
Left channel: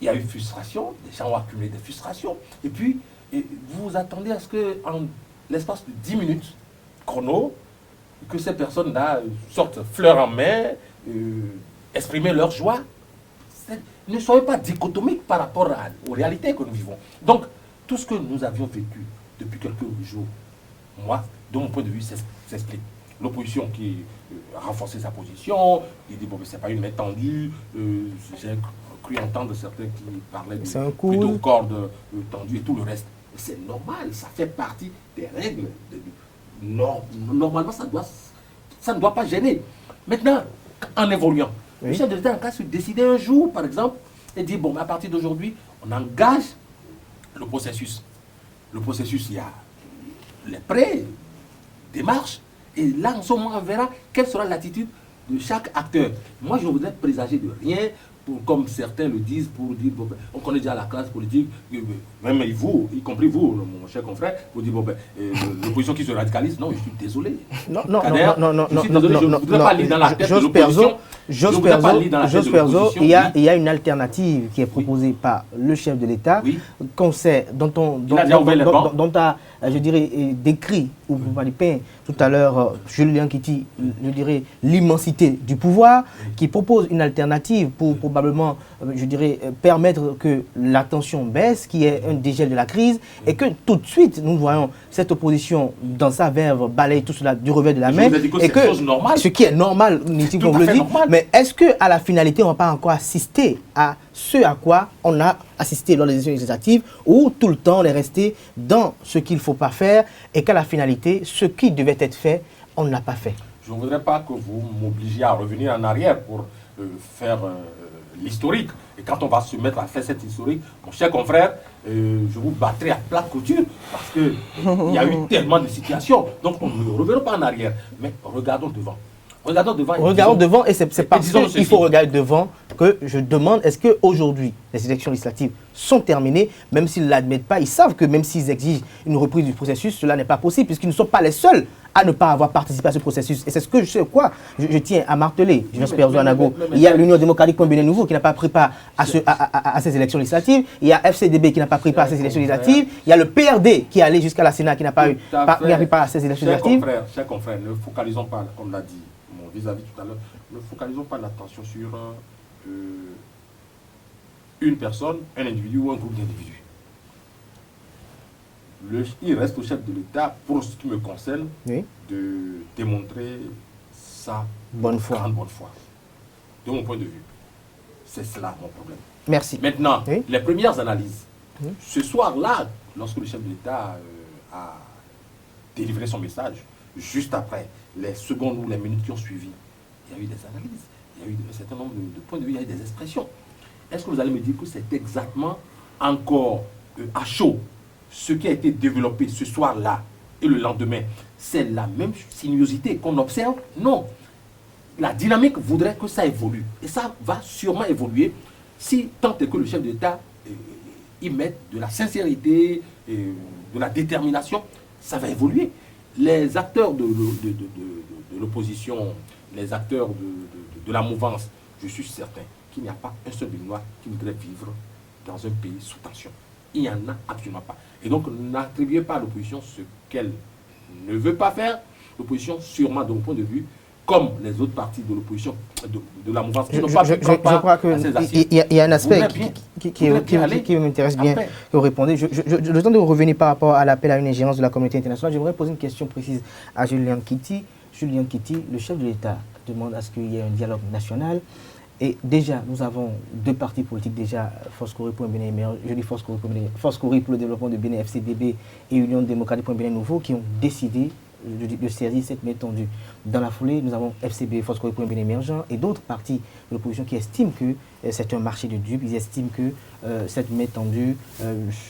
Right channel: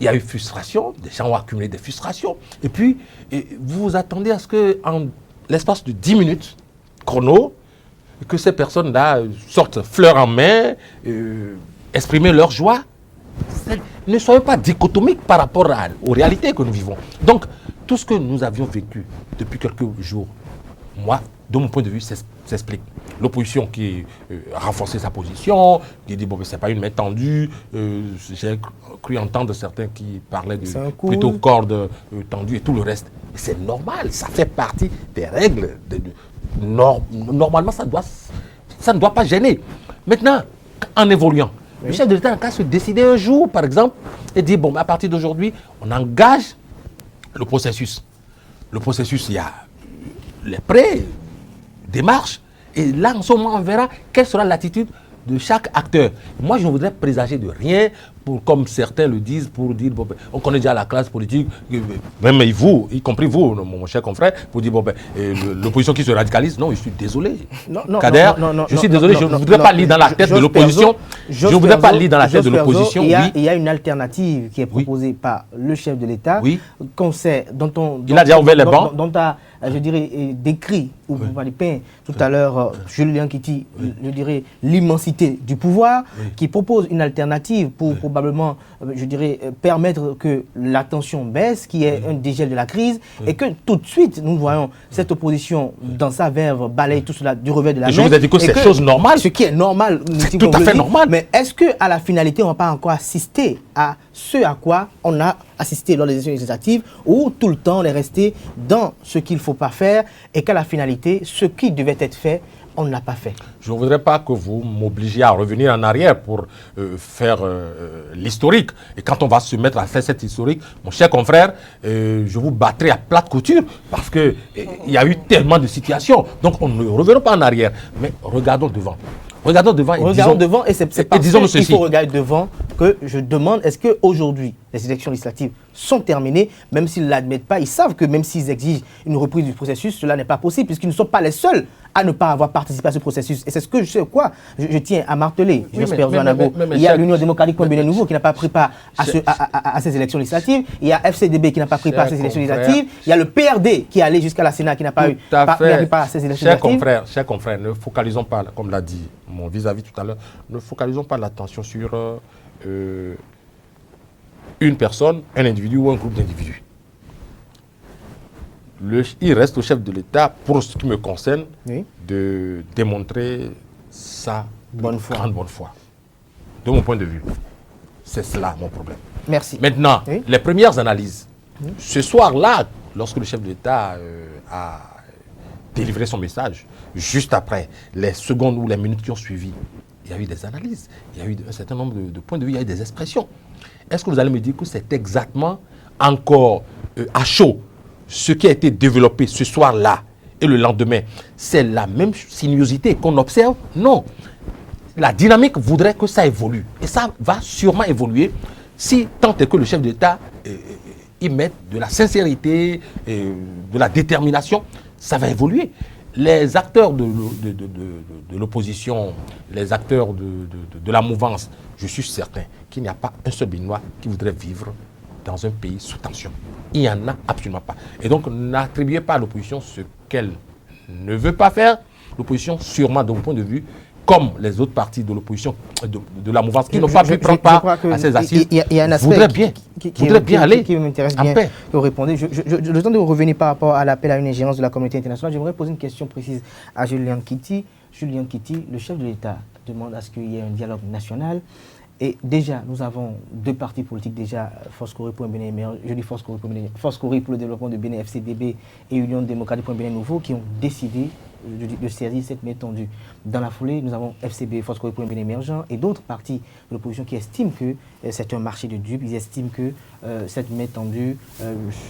il y a eu frustration, des gens ont accumulé des frustrations. Et puis, vous vous attendez à ce qu'en l'espace de 10 minutes, chrono, que ces personnes-là sortent fleurs en main, exprimer leur joie. Ne soyez pas dichotomiques par rapport aux réalités que nous vivons. Donc, tout ce que nous avions vécu depuis quelques jours, moi, de mon point de vue, s'explique. L'opposition qui a renforcé sa position, qui dit, bon, mais ce n'est pas une main tendue. J'ai cru entendre certains qui parlaient de plutôt corde tendue et tout le reste. C'est normal, ça fait partie des règles. Normalement, ça ne doit pas gêner. Maintenant, en évoluant, le chef de l'État a qu'à se décider un jour, par exemple, et dire, bon, à partir d'aujourd'hui, on engage le processus. Le processus, il y a les prêts, démarches, et là, en ce moment, on verra quelle sera l'attitude de chaque acteur. Moi, je ne voudrais présager de rien, comme certains le disent, pour dire, bon, ben, on connaît déjà la classe politique, même vous, y compris vous, mon cher confrère, pour dire, bon, ben, l'opposition qui se radicalise, non, je suis désolé. Kader, je suis désolé, je ne voudrais pas lire dans la tête de l'opposition. Je ne voudrais pas lire dans la tête de l'opposition. Il y a une alternative qui est proposée par le chef de l'État, qu'on sait, dont a, je dirais, décrit, ou pas peint tout à l'heure, Julien Kiti, je dirais, l'immensité du pouvoir, qui propose une alternative pour probablement, je dirais, permettre que la tension baisse, qu'il y ait un dégel de la crise, et que tout de suite, nous voyons cette opposition dans sa verve balayer tout cela du revers de la main. Je vous ai dit que c'est chose normale. Ce qui est normal, tout à fait normal. Mais est-ce qu'à la finalité, on ne va pas encore assister à ce à quoi on a assisté lors des élections législatives, où tout le temps on est resté dans ce qu'il ne faut pas faire, et qu'à la finalité, ce qui devait être fait, on ne l'a pas fait? Je ne voudrais pas que vous m'obligiez à revenir en arrière pour faire l'historique. Et quand on va se mettre à faire cet historique, mon cher confrère, je vous battrai à plate couture parce qu'il y a eu tellement de situations. Donc on ne reviendra pas en arrière. Mais regardons devant. Regardons devant, et c'est parce qu'il faut regarder devant que je demande, est-ce qu'aujourd'hui, les élections législatives sont terminées, même s'ils ne l'admettent pas, ils savent que même s'ils exigent une reprise du processus, cela n'est pas possible, puisqu'ils ne sont pas les seuls à ne pas avoir participé à ce processus. Et c'est ce que je tiens à marteler. J'espère, Zouanago. Il y a l'Union démocratique pour Bénin Nouveau qui n'a pas pris part à ces élections législatives. Il y a FCDB qui n'a pas pris part à ces élections législatives. Il y a le PRD qui est allé jusqu'à la Sénat qui n'a pas pris part à ces élections législatives. Chers confrères, ne focalisons pas, comme l'a dit mon vis-à-vis tout à l'heure, ne focalisons pas l'attention sur une personne, un individu ou un groupe d'individus. Il reste au chef de l'État, pour ce qui me concerne, de démontrer sa grande bonne foi. De mon point de vue, c'est cela mon problème. Merci. Maintenant, les premières analyses. Ce soir-là, lorsque le chef de l'État a délivré son message, juste après, les secondes ou les minutes qui ont suivi, il y a eu des analyses, il y a eu un certain nombre de points de vue, il y a eu des expressions. Est-ce que vous allez me dire que c'est exactement encore à chaud ce qui a été développé ce soir-là et le lendemain? C'est la même sinuosité qu'on observe? Non. La dynamique voudrait que ça évolue. Et ça va sûrement évoluer si tant est que le chef d'État y mette de la sincérité, de la détermination, ça va évoluer. Les acteurs de l'opposition, les acteurs de la mouvance, je suis certain qu'il n'y a pas un seul Béninois qui voudrait vivre dans un pays sous tension. Il n'y en a absolument pas. Et donc, n'attribuez pas à l'opposition ce qu'elle ne veut pas faire. L'opposition, sûrement, de mon point de vue, comme les autres partis de l'opposition, de la mouvance, qui n'ont pas pu prendre part à ces assises. Il y a un aspect qui m'intéresse bien que vous répondez. Le temps de revenir par rapport à l'appel à une ingérence de la communauté internationale, j'aimerais poser une question précise à Julien Kiti. Julien Kiti, le chef de l'État demande à ce qu'il y ait un dialogue national. Et déjà, nous avons deux partis politiques déjà, Force Corée pour un Bénin émergent, je dis Force Corée pour le développement de Bénin, FCDB, et Union démocratique pour un Bénin nouveau, qui ont décidé de saisir cette main tendue. Dans la foulée, nous avons FCB, Force pour un bien émergent, et d'autres partis de l'opposition qui estiment que c'est un marché de dupes. Ils estiment que cette main tendue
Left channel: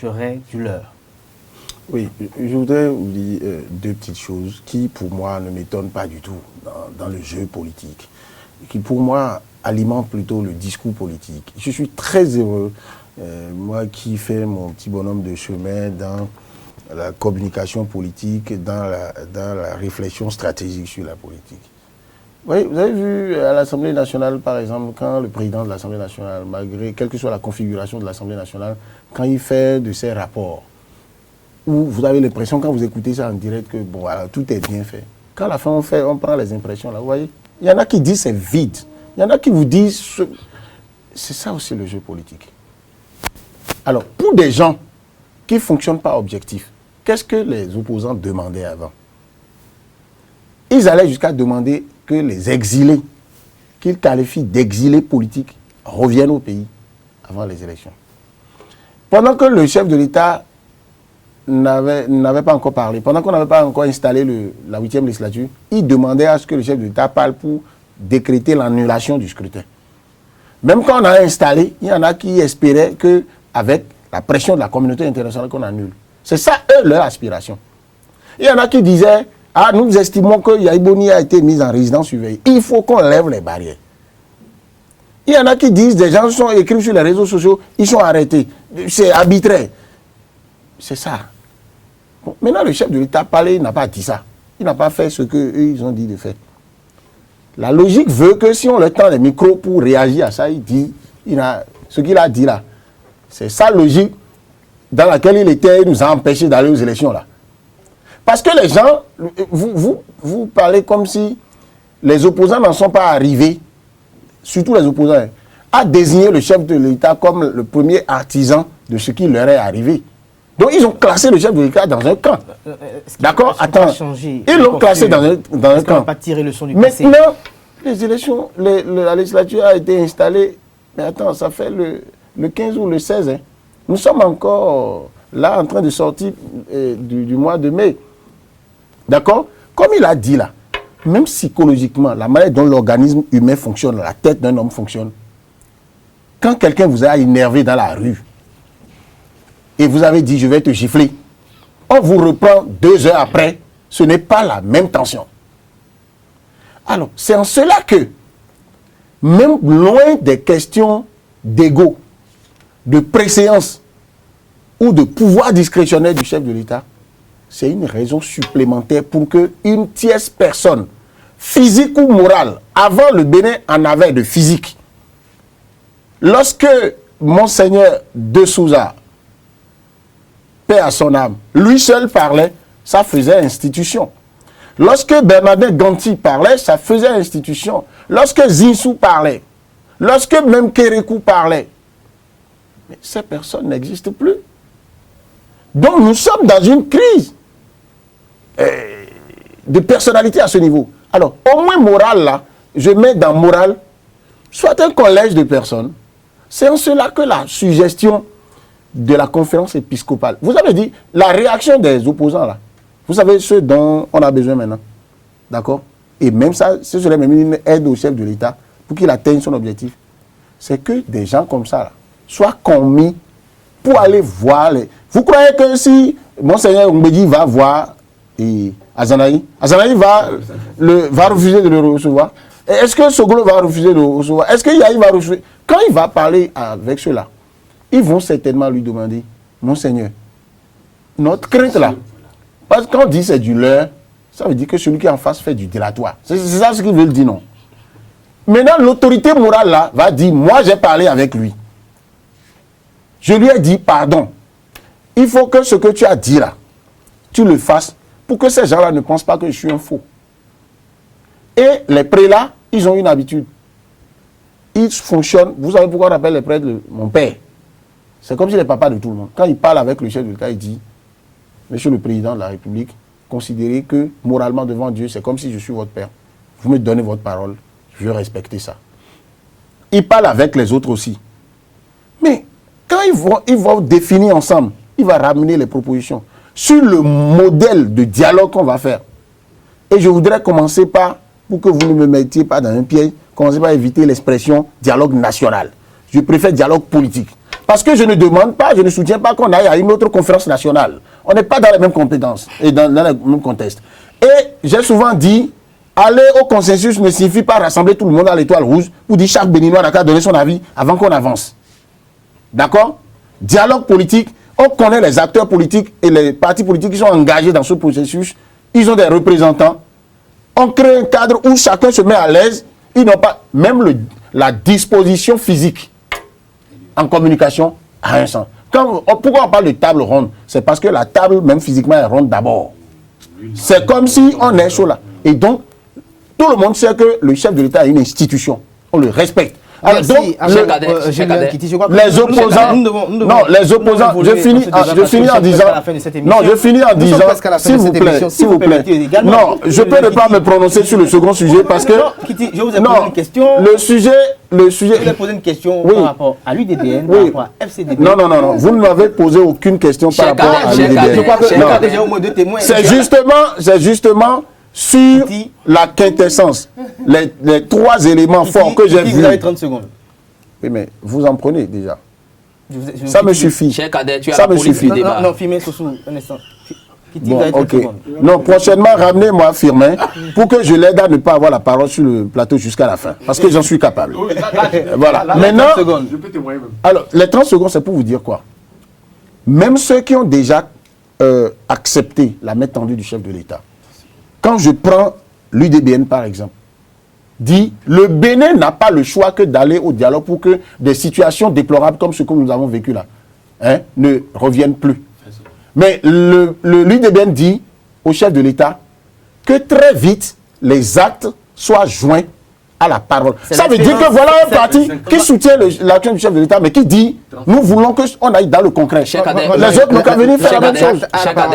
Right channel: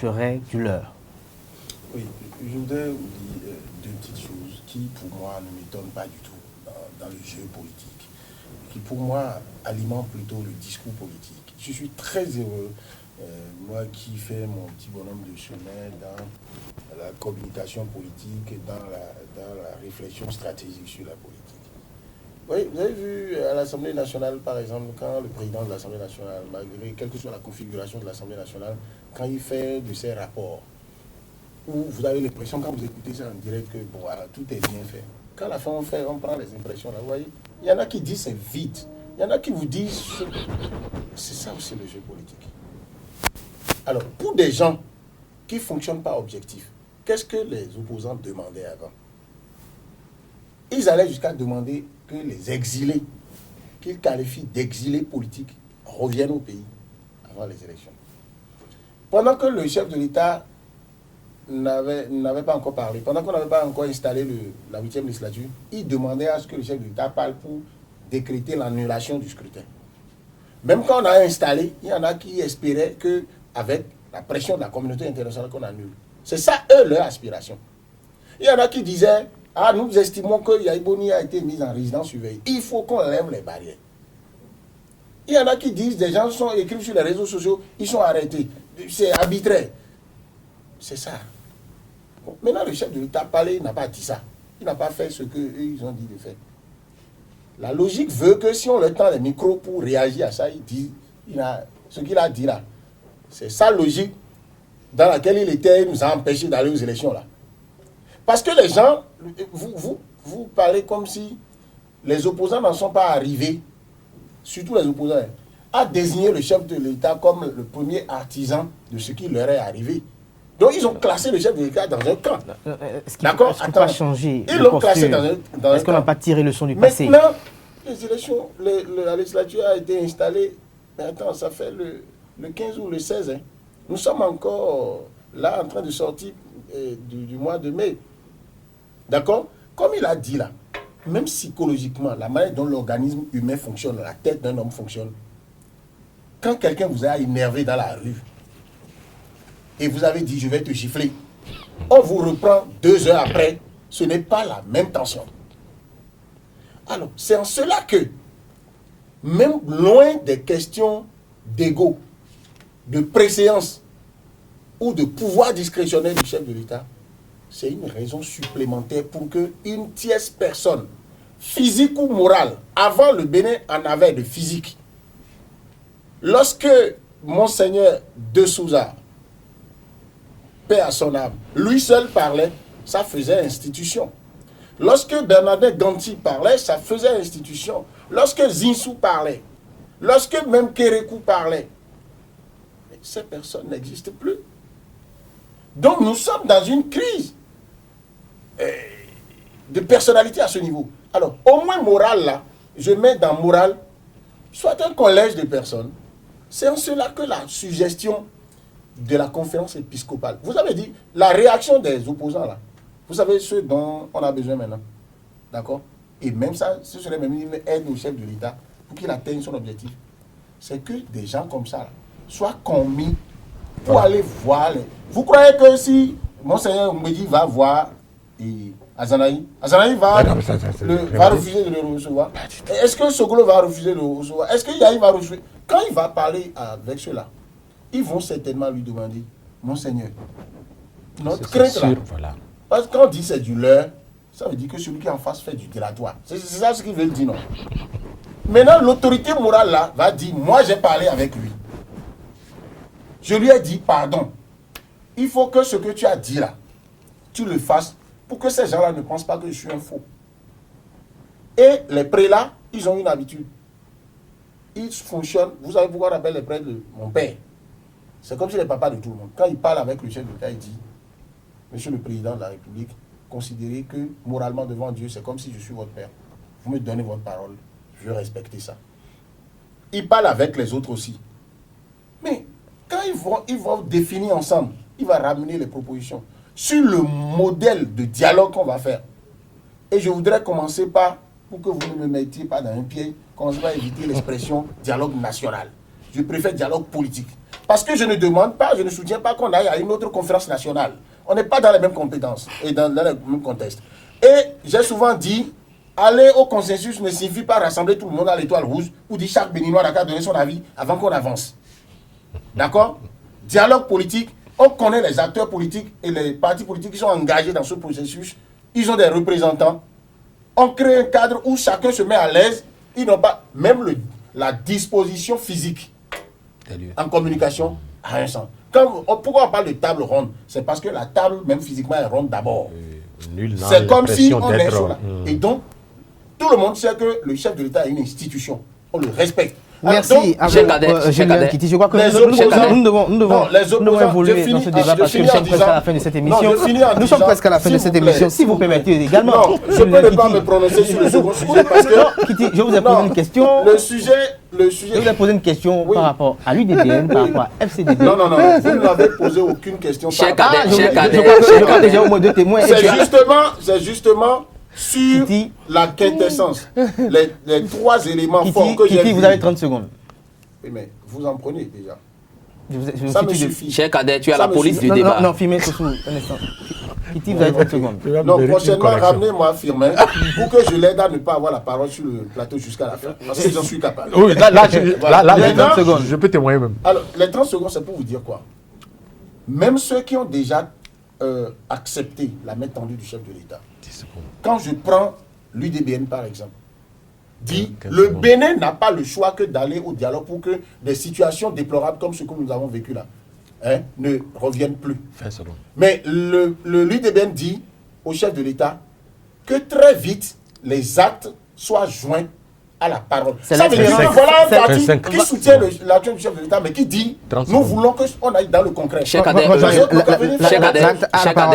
serait du leurre. Oui, je voudrais vous dire deux petites choses qui, pour moi, ne m'étonnent pas du tout dans le jeu politique, qui, pour moi, alimentent plutôt le discours politique. Je suis très heureux, moi qui fais mon petit bonhomme de chemin dans la communication politique, dans la réflexion stratégique sur la politique. Oui, vous avez vu à l'Assemblée nationale, par exemple, quand le président de l'Assemblée nationale, malgré quelle que soit la configuration de l'Assemblée nationale, quand il fait de ses rapports, où vous avez l'impression, quand vous écoutez ça en direct, que bon, alors, tout est bien fait. Quand à la fin on prend les impressions, là, vous voyez, il y en a qui disent c'est vide. Il y en a qui vous disent, c'est ça aussi le jeu politique. Alors, pour des gens qui ne fonctionnent pas objectif, qu'est-ce que les opposants demandaient avant? Ils allaient jusqu'à demander que les exilés, qu'ils qualifient d'exilés politiques, reviennent au pays avant les élections. Pendant que le chef de l'État n'avait pas encore parlé, pendant qu'on n'avait pas encore installé la 8e législature, il demandait à ce que le chef de l'État parle pour décréter l'annulation du scrutin. Même quand on a installé, il y en a qui espéraient qu'avec la pression de la communauté internationale qu'on annule. C'est ça, eux, leur aspiration. Il y en a qui disaient, ah, nous estimons que Yaïboni a été mis en résidence surveillée. Il faut qu'on lève les barrières. Il y en a qui disent, des gens sont écrits sur les réseaux sociaux, ils sont arrêtés. C'est arbitraire. C'est ça. Bon, maintenant, le chef de l'État parlé, il n'a pas dit ça. Il n'a pas fait ce qu'eux, ils ont dit de faire. La logique veut que si on leur tend les micros pour réagir à ça, ce qu'il a dit là. C'est sa logique dans laquelle il était, il nous a empêchés d'aller aux élections là. Parce que les gens, vous parlez comme si les opposants n'en sont pas arrivés, surtout les opposants, à désigner le chef de l'État comme le premier artisan de ce qui leur est arrivé. Donc ils ont classé le chef de l'État dans un camp. D'accord? Attends. Ils l'ont classé dans un camp. Est-ce qu'on n'a pas tiré le son du passé? Maintenant, les élections, la législature a été installée, mais attends, ça fait le 15 ou le 16. Hein. Nous sommes encore là en train de sortir du mois de mai. D'accord? Comme il a dit là, même psychologiquement, la manière dont l'organisme humain fonctionne, la tête d'un homme fonctionne, quand quelqu'un vous a énervé dans la rue, et vous avez dit, je vais te gifler, on vous reprend 2 heures après, ce n'est pas la même tension. Alors, c'est en cela que, même loin des questions d'ego, de préséance ou de pouvoir discrétionnaire du chef de l'État, c'est une raison supplémentaire pour qu'une tierce personne, physique ou morale, avant le Bénin en avait de physique. Lorsque Monseigneur de Souza, paix à son âme, lui seul parlait, ça faisait institution. Lorsque Bernadette Ganti parlait, ça faisait institution. Lorsque Zinsou parlait, lorsque même Kérékou parlait, mais ces personnes n'existent plus. Donc nous sommes dans une crise de personnalité à ce niveau. Alors, au moins morale là, je mets dans morale, soit un collège de personnes. C'est en cela que la suggestion de la conférence épiscopale, vous avez dit, la réaction des opposants là, vous savez ce dont on a besoin maintenant. D'accord? Et même ça, ce serait même une aide au chef de l'État pour qu'il atteigne son objectif. C'est que des gens comme ça là, soient commis pour aller voir les... Vous croyez que si Monseigneur Mbedi va voir Azanaï va refuser de le recevoir? Est-ce que Soglo va refuser de le recevoir? Est-ce que Yahi va refuser? Quand il va parler avec ceux-là, ils vont certainement lui demander, Monseigneur, notre crainte là, voilà. Parce qu'on dit c'est du leurre, ça veut dire que celui qui est en face fait du dilatoire. C'est ça ce qu'ils veulent dire, non? Maintenant, l'autorité morale là va dire, moi j'ai parlé avec lui. Je lui ai dit, pardon, il faut que ce que tu as dit là, tu le fasses pour que ces gens-là ne pensent pas que je suis un faux. Et les prélats, ils ont une habitude. Ils fonctionnent, vous savez pourquoi on appelle les prêtres mon père? C'est comme si les papas de tout le monde. Quand il parle avec le chef de l'État, il dit, Monsieur le Président de la République, considérez que moralement devant Dieu, c'est comme si je suis votre père. Vous me donnez votre parole, je vais respecter ça. Il parle avec les autres aussi. Mais quand ils vont définir ensemble, il va ramener les propositions sur le modèle de dialogue qu'on va faire. Et je voudrais commencer par, pour que vous ne me mettiez pas dans un piège, commencer par éviter l'expression dialogue national. Je préfère dialogue politique. Parce que je ne demande pas, je ne soutiens pas qu'on aille à une autre conférence nationale. On n'est pas dans les mêmes compétences et dans le même contexte. Et j'ai souvent dit, aller au consensus ne signifie pas rassembler tout le monde à l'étoile rouge pour dire chaque Béninois n'a qu'à donner son avis avant qu'on avance. D'accord? Dialogue politique, on connaît les acteurs politiques et les partis politiques qui sont engagés dans ce processus. Ils ont des représentants. On crée un cadre où chacun se met à l'aise. Ils n'ont pas même la disposition physique en communication à un sens. Pourquoi on parle de table ronde? C'est parce que la table, même physiquement, est ronde d'abord. C'est comme si on est sur là. Et donc, tout le monde sait que le chef de l'État est une institution. On le respecte. Merci. Julien Kitty, je crois que les opposants, nous devons non, les opposants, je finis en disant, non, je finis en disant, nous sommes presque à la fin de cette émission, si vous permettez également. Non, je peux ne pas me prononcer sur le second sujet parce que, non, Kitty, je vous ai posé une question. Le sujet, je vous ai posé une question par rapport à l'UDBN, par rapport à FCDB. Non, vous ne m'avez posé aucune question par rapport à l'UDBN. Je crois que déjà au moins 2 témoins. C'est justement sur la quintessence, les 3 éléments forts que j'ai vus. Vous avez 30 secondes. Oui, mais vous en prenez déjà. Ça me suffit. Cher Cadet, tu as la police du débat. Non, Firmin Sossou, un instant. Kitty, vous avez 30 secondes. Non, prochainement, ramenez-moi Firmin pour que je l'aide à ne pas avoir la parole sur le plateau jusqu'à la fin. Parce que j'en suis capable. Oui, voilà. Maintenant, je peux témoigner même. Alors, les 30 secondes, c'est pour vous dire quoi? Même ceux qui ont déjà accepté la main tendue du chef de l'État, quand je prends l'UDBN par exemple, dit le Bénin n'a pas le choix que d'aller au dialogue pour que des situations déplorables comme ce que nous avons vécu là ne reviennent plus. Mais l'UDBN dit au chef de l'État que très vite les actes soient joints à la parole. Ça veut dire que voilà un parti qui soutient l'action du chef de l'État, mais qui dit nous voulons qu'on aille dans le concret.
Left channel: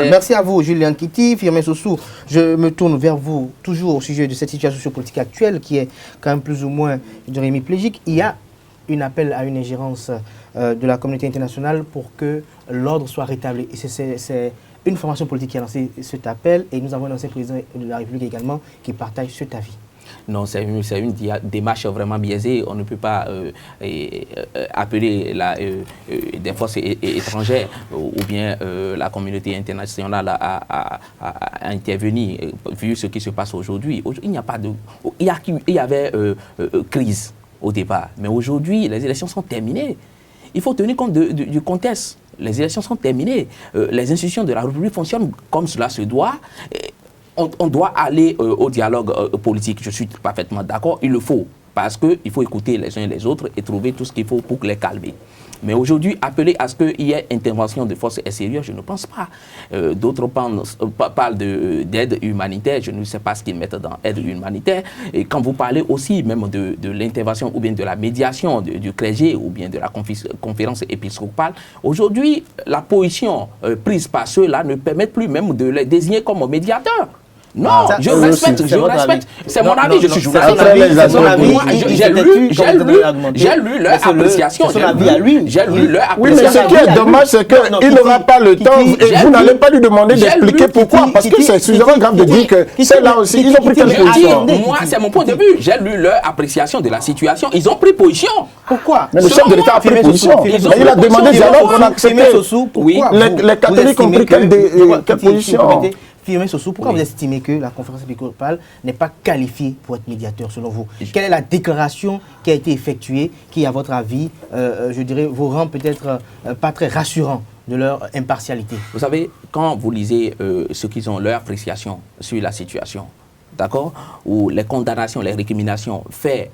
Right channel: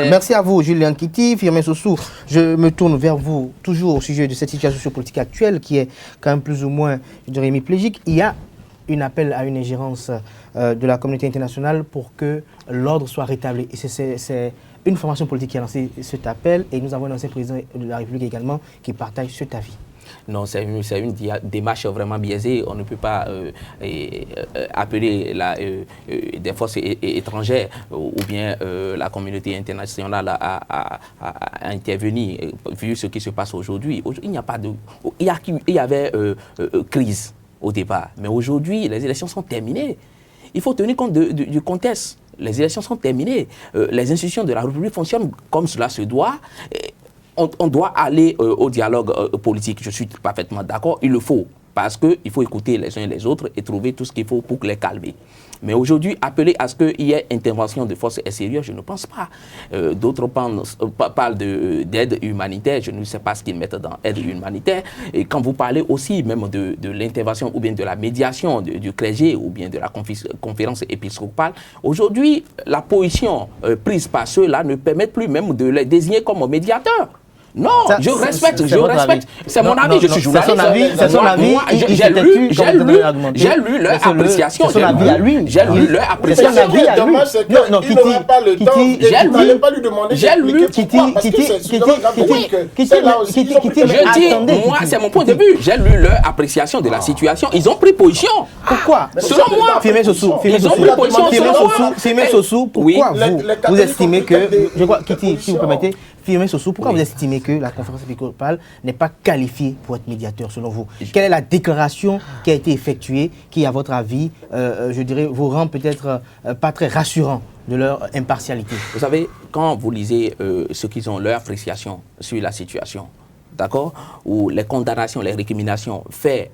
Merci à vous, Julien Kitty, Firmin Sossou. Je me tourne vers vous, toujours au sujet de cette situation sociopolitique actuelle qui est quand même plus ou moins, je dirais, hémiplégique. Il y a un appel à une ingérence de la communauté internationale pour que l'ordre soit rétabli. Et c'est une formation politique qui a lancé cet appel et nous avons un ancien président de la République également qui partage cet avis. Non, c'est une démarche vraiment biaisée. On ne peut pas appeler des forces étrangères ou bien la communauté internationale à intervenir, vu ce qui se passe aujourd'hui. Il n'y a pas de... Il y avait crise au départ, mais aujourd'hui, les élections sont terminées. Il faut tenir compte du contexte. Les élections sont terminées. Les institutions de la République fonctionnent comme cela se doit. On doit aller au dialogue politique, je suis parfaitement d'accord, il le faut, parce qu'il faut écouter les uns et les autres et trouver tout ce qu'il faut pour les calmer. Mais aujourd'hui, appeler à ce qu'il y ait intervention de forces extérieures, je ne pense pas. D'autres parlent d'aide humanitaire, je ne sais pas ce qu'ils mettent dans aide humanitaire. Et quand vous parlez aussi même de l'intervention ou bien de la médiation du clergé ou bien de la conférence épiscopale, aujourd'hui, la position prise par ceux-là ne permet plus même de les désigner comme médiateurs. Non, je respecte. C'est mon avis, je suis journaliste. C'est son avis. J'ai lu leur appréciation. C'est son avis à lui. J'ai lu leur appréciation. Ce qui est dommage, c'est qu'il n'aura pas le temps. Vous n'allez pas lui demander d'expliquer pourquoi. Parce que c'est suffisamment grave de dire que c'est là aussi. Je dis, moi, c'est mon point de vue. J'ai lu leur appréciation de la situation. Ils ont pris position. Pourquoi? Selon moi, Firmin Sossou, pourquoi vous estimez que... Firmin Sossou, pourquoi vous estimez que la conférence épiscopale n'est pas qualifiée pour être médiateur selon vous? Quelle est la déclaration qui a été effectuée qui, à votre avis, je dirais, vous rend peut-être pas très rassurant de leur impartialité? Vous savez, quand vous lisez ce qu'ils ont, leur appréciation sur la situation, d'accord, ou les condamnations, les récriminations faites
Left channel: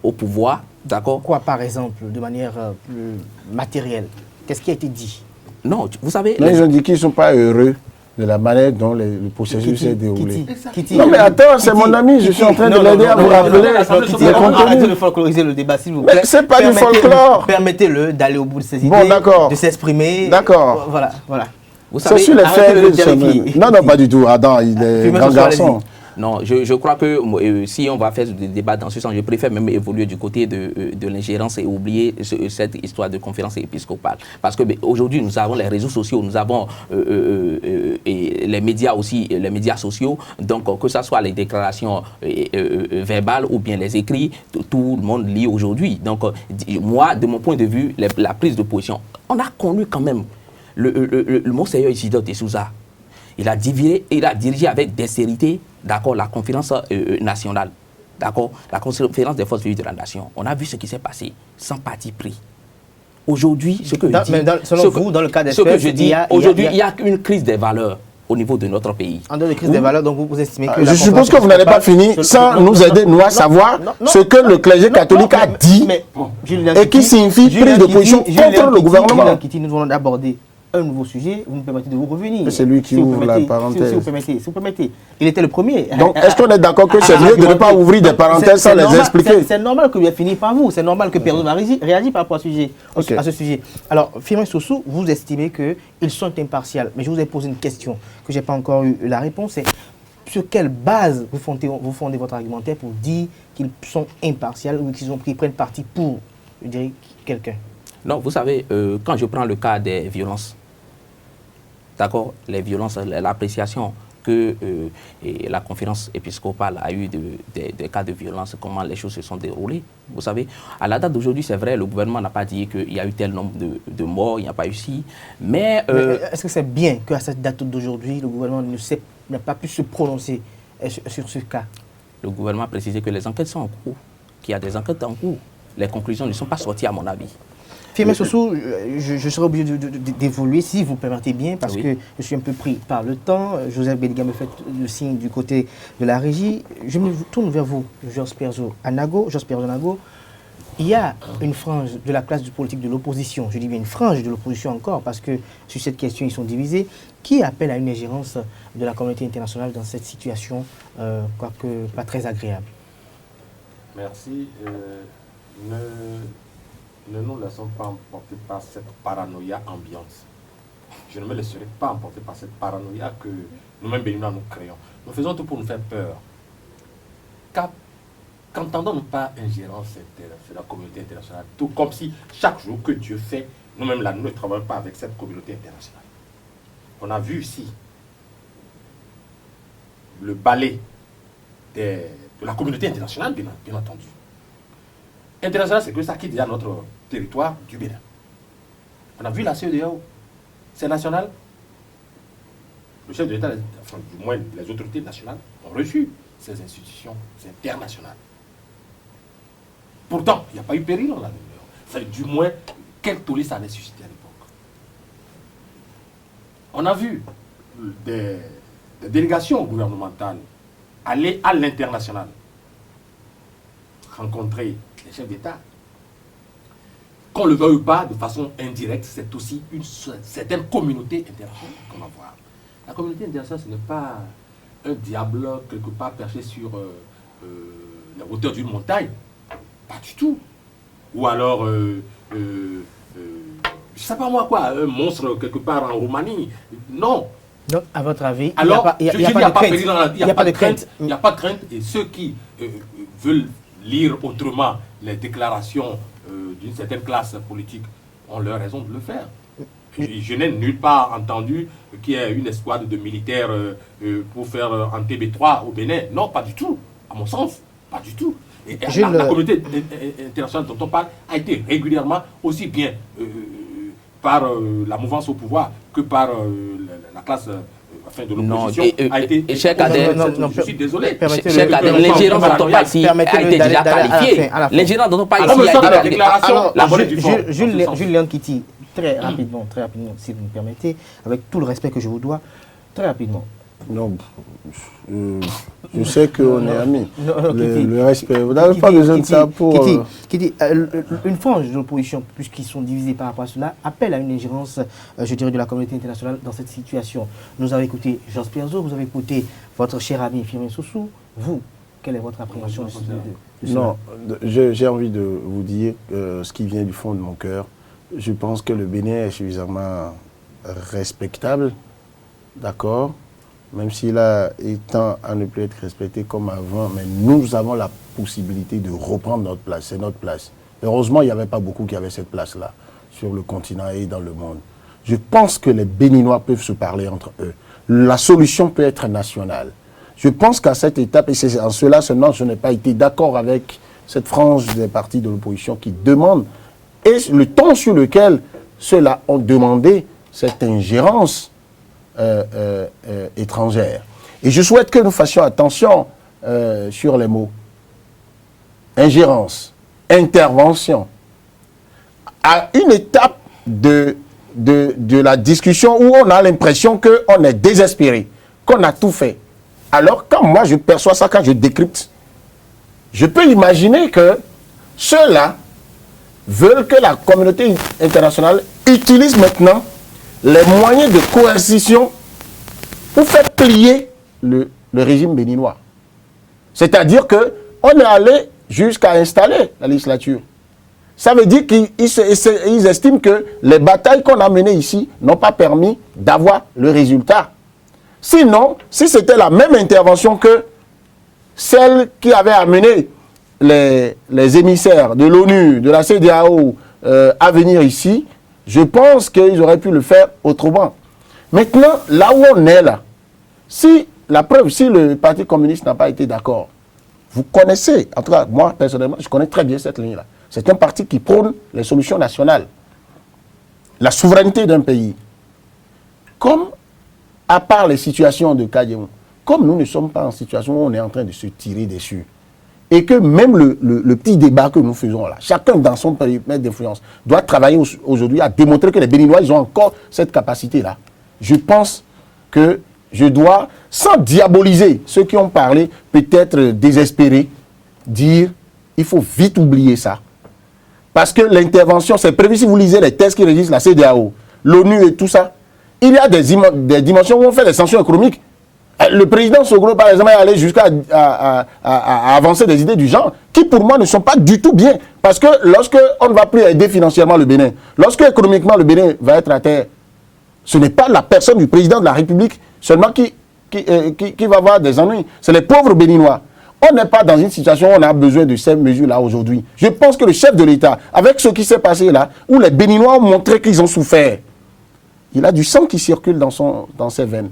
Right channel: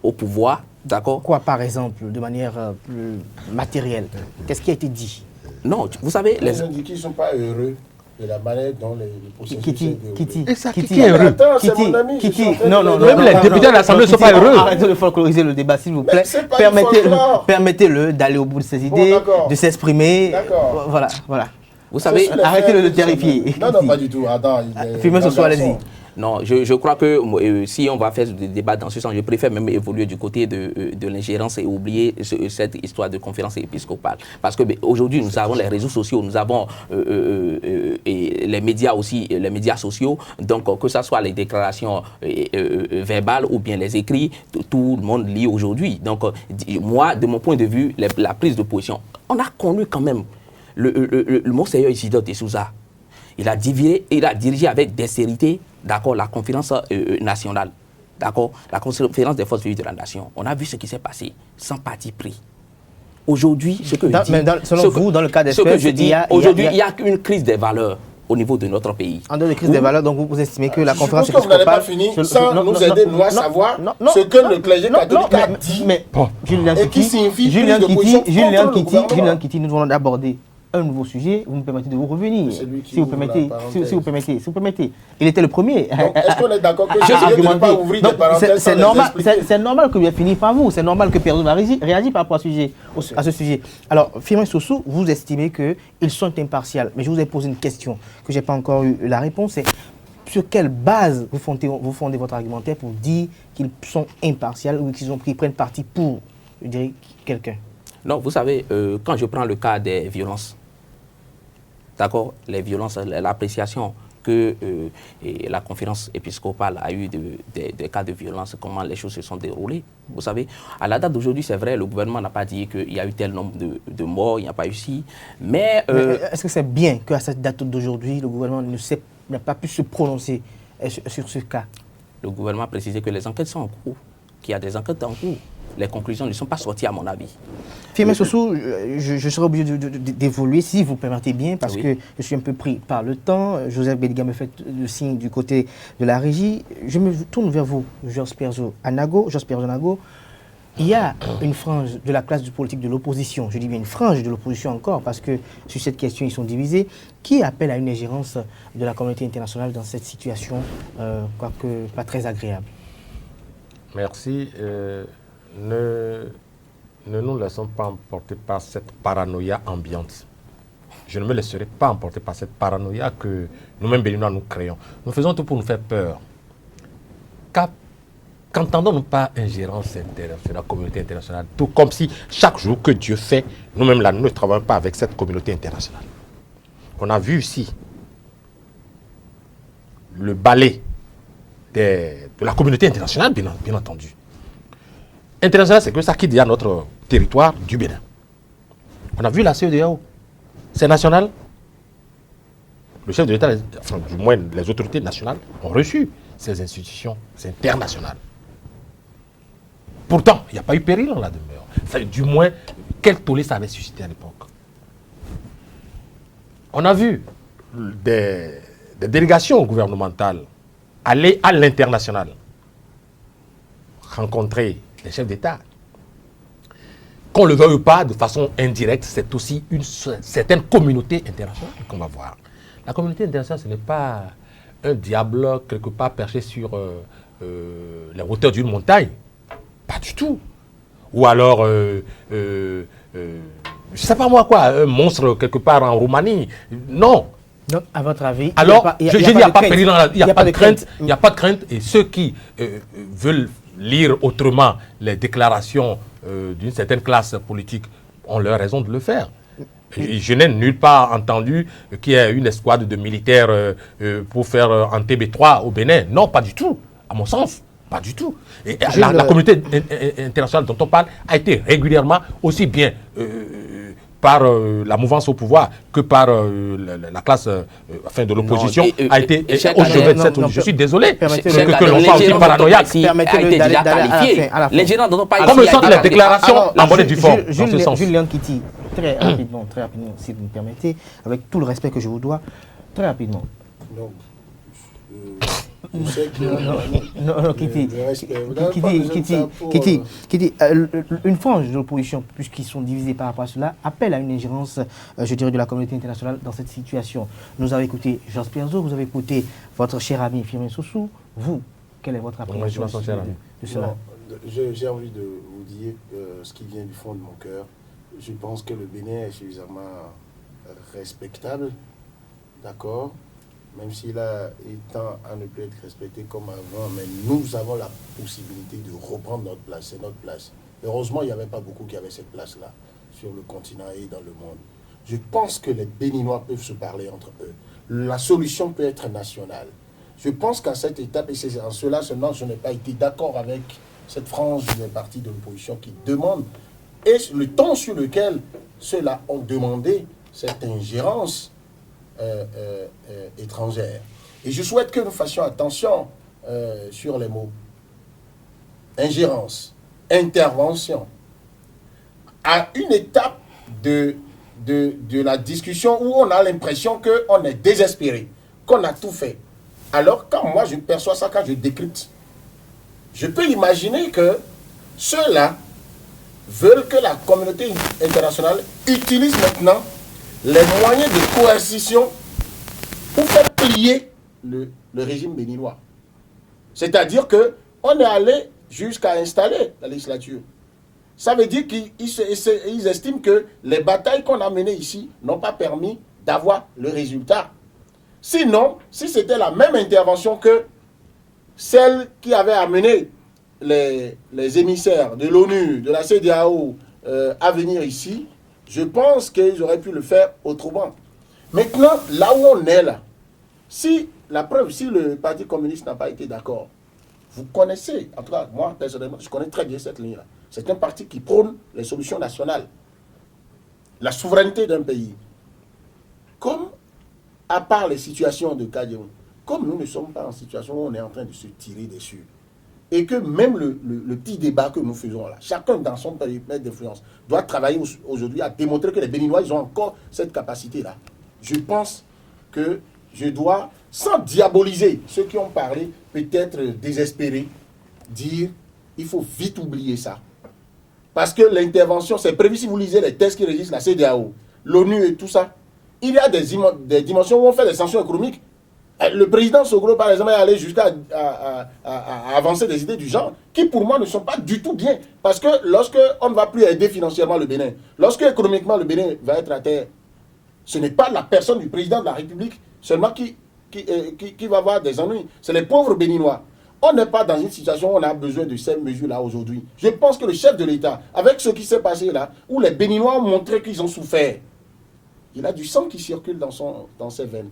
au pouvoir, d'accord. Quoi, par exemple, de manière plus matérielle? Qu'est-ce qui a été dit? Non, vous savez... Ils ont dit qu'ils ne sont pas heureux de la manière dont le processus s'est déroulé. Kitty, non mais attends, c'est mon ami, je suis en train de dire. Arrêtez de folkloriser le débat, s'il vous plaît. C'est pas du folklore. Permettez-le d'aller au bout de ses idées, de s'exprimer. D'accord. Voilà. Vous savez, arrêtez de le terrifier. Non, pas du tout. Adam, il est Firmin Sossou, allez-y. Non, je crois que si on va faire des débats dans ce sens, je préfère même évoluer du côté de l'ingérence et oublier cette histoire de conférence épiscopale. Parce que aujourd'hui, nous avons les réseaux sociaux, nous avons et les médias aussi, les médias sociaux. Donc, que ce soit les déclarations verbales ou bien les écrits, tout le monde lit aujourd'hui. Donc, moi, de mon point de vue, la prise de position, on a connu quand même le Monseigneur Isidore de Souza. Il a dirigé avec dextérité, d'accord, la conférence nationale, d'accord, la conférence des forces vives de la nation. On a vu ce qui s'est passé, sans parti pris. Aujourd'hui, ce que je dis, selon vous, dans le cas d'espèce, il y a une crise des valeurs au niveau de notre pays. En dehors de crise des valeurs, donc vous estimez que la conférence... Je suppose que vous n'allez pas finir sans nous aider, nous, à savoir ce que le clergé catholique a dit et qui signifie prise de position contre le gouvernement. Julien Kitty, nous allons aborder un nouveau sujet, vous me permettez de vous revenir. C'est lui qui ouvre la parenthèse. Si vous permettez. Il était le premier. Donc, est-ce qu'on est d'accord que c'est lui de ne pas ouvrir des parenthèses sans les expliquer? C'est normal que je finisse par vous. C'est normal que personne va réagir par rapport à ce sujet. Alors, Firmin Sossou, vous estimez qu'ils sont impartials. Mais je vous ai posé une question que je n'ai pas encore eu la réponse. C'est sur quelle base vous fondez votre argumentaire pour dire qu'ils sont impartials ou qu'ils prennent parti pour, je dirais, quelqu'un? Non, vous savez, quand je prends le cas des violences, d'accord, les violences, l'appréciation que la conférence épiscopale a eu des cas de violence, comment les choses se sont déroulées. Vous savez, à la date d'aujourd'hui, c'est vrai, le gouvernement n'a pas dit qu'il y a eu tel nombre de morts, il n'y a pas eu si. Mais est-ce que c'est bien qu'à cette date d'aujourd'hui, le gouvernement n'a pas pu se prononcer sur ce cas? Le gouvernement a précisé que les enquêtes sont en cours, qu'il y a des enquêtes en cours. Les conclusions ne sont pas sorties, à mon avis. Firmin Sossou, je serai obligé d'évoluer, si vous permettez bien, parce que je suis un peu pris par le temps. Joseph Bédiga me fait le signe du côté de la régie. Je me tourne vers vous, Georges Perzo Anago. Il y a une frange de la classe politique de l'opposition, je dis bien une frange de l'opposition encore, parce que sur cette question, ils sont divisés, qui appelle à une ingérence de la communauté internationale dans cette situation, quoique pas très agréable. Merci. Ne nous laissons pas emporter par cette paranoïa ambiante. Je ne me laisserai pas emporter par cette paranoïa que nous-mêmes béninois nous créons. Nous faisons tout pour nous faire peur. Qu'entendons-nous pas ingérence de la communauté internationale, tout comme si chaque jour que Dieu fait, nous-mêmes là, nous ne travaillons pas avec cette communauté internationale. On a vu ici le balai de la communauté internationale, bien entendu. International, c'est que ça qui dit à notre territoire du Bénin. On a vu la CEDEAO. C'est national. Le chef de l'État, enfin, du moins les autorités nationales, ont reçu ces institutions internationales. Pourtant, il n'y a pas eu péril en la demeure. Enfin, du moins, quel tollé ça avait suscité à l'époque. On a vu des délégations gouvernementales aller à l'international, rencontrer les chefs d'État. Qu'on le veuille ou pas, de façon indirecte, c'est aussi une certaine communauté internationale qu'on va voir. La communauté internationale, ce n'est pas un diable quelque part perché sur la hauteur d'une montagne. Pas du tout. Ou alors, je ne sais pas moi quoi, un monstre quelque part en Roumanie. Non. Donc, à votre avis, alors, il n'y a pas de crainte. Il n'y a pas de crainte. Et ceux qui veulent lire autrement les déclarations d'une certaine classe politique ont leur raison de le faire. Et je n'ai nulle part entendu qu'il y ait une escouade de militaires pour faire un TB3 au Bénin. Non, pas du tout, à mon sens. Pas du tout. Et la communauté internationale dont on parle a été régulièrement aussi bien par la mouvance au pouvoir que par la classe de l'opposition a été... Je suis désolé. L'ingérence dont on parle ici a été déjà qualifiée. L'ingérence dont on parle ici a été la déclaration, la bonne du fond. Julien Kitty, très rapidement, si vous me permettez, avec tout le respect que je vous dois, très rapidement. Non, je sais que Kitty, le respect, vous n'avez pas besoin de ça pour... Kitty, une frange de l'opposition, puisqu'ils sont divisés par rapport à cela, appelle à une ingérence, je dirais, de la communauté internationale dans cette situation. Nous avons écouté Georges Perzo, vous avez écouté votre cher ami Firmin Sossou. Vous, quelle est votre appréhension de cela? Non, j'ai envie de vous dire ce qui vient du fond de mon cœur. Je pense que le Bénin est suffisamment respectable, d'accord, même s'il a étant à ne plus être respecté comme avant, mais nous avons la possibilité de reprendre notre place, c'est notre place. Heureusement, il n'y avait pas beaucoup qui avaient cette place-là, sur le continent et dans le monde. Je pense que les Béninois peuvent se parler entre eux. La solution peut être nationale. Je pense qu'à cette étape, et c'est en cela seulement je n'ai pas été d'accord avec cette frange des partis de l'opposition qui demandent, et le ton sur lequel ceux-là ont demandé cette ingérence étrangère. Et je souhaite que nous fassions attention sur les mots. Ingérence, intervention. À une étape de la discussion où on a l'impression qu'on est désespéré, qu'on a tout fait. Alors quand moi je perçois ça, quand je décrypte, je peux imaginer que ceux-là veulent que la communauté internationale utilise maintenant les moyens de coercition pour faire plier le régime béninois. C'est-à-dire qu'on est allé jusqu'à installer la législature. Ça veut dire qu'ils estiment que les batailles qu'on a menées ici n'ont pas permis d'avoir le résultat. Sinon, si c'était la même intervention que celle qui avait amené les émissaires de l'ONU, de la CEDEAO à venir ici, je pense qu'ils auraient pu le faire autrement. Maintenant, là où on est là, si le Parti communiste n'a pas été d'accord, vous connaissez, en tout cas moi personnellement, je connais très bien cette ligne-là. C'est un parti qui prône les solutions nationales, la souveraineté d'un pays. Comme, à part les situations de Kadiemou, comme nous ne sommes pas en situation où on est en train de se tirer dessus, et que même le petit débat que nous faisons là, chacun dans son périmètre d'influence, doit travailler aujourd'hui à démontrer que les Béninois, ils ont encore cette capacité-là. Je pense que je dois, sans diaboliser ceux qui ont parlé, peut-être désespérés, dire il faut vite oublier ça. Parce que l'intervention, c'est prévu, si vous lisez les textes qui régissent la CEDEAO, l'ONU et tout ça, il y a des dimensions où on fait des sanctions économiques. Le président Soglo, par exemple, est allé jusqu'à à avancer des idées du genre qui, pour moi, ne sont pas du tout bien. Parce que lorsque on ne va plus aider financièrement le Bénin, lorsque économiquement le Bénin va être à terre, ce n'est pas la personne du président de la République seulement qui va avoir des ennuis. C'est les pauvres Béninois. On n'est pas dans une situation où on a besoin de ces mesures-là aujourd'hui. Je pense que le chef de l'État, avec ce qui s'est passé là, où les Béninois ont montré qu'ils ont souffert, il a du sang qui circule dans ses veines.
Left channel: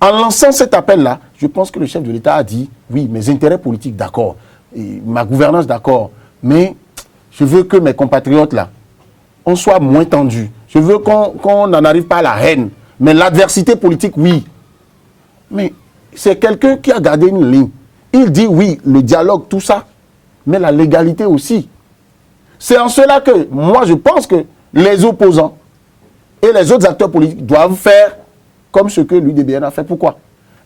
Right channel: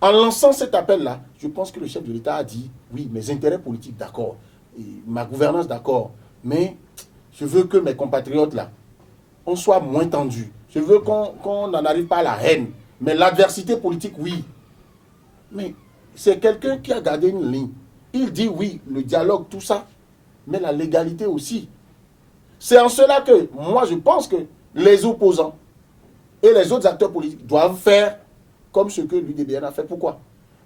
En lançant cet appel-là, je pense que le chef de l'État a dit, oui, mes intérêts politiques, d'accord, ma gouvernance, d'accord, mais je veux que mes compatriotes, là, on soit moins tendus. Je veux qu'on n'en arrive pas à la haine. Mais l'adversité politique, oui. Mais c'est quelqu'un qui a gardé une ligne. Il dit, oui, le dialogue, tout ça, mais la légalité aussi. C'est en cela que, moi, je pense que les opposants et les autres acteurs politiques doivent faire comme ce que l'UDBN a fait. Pourquoi?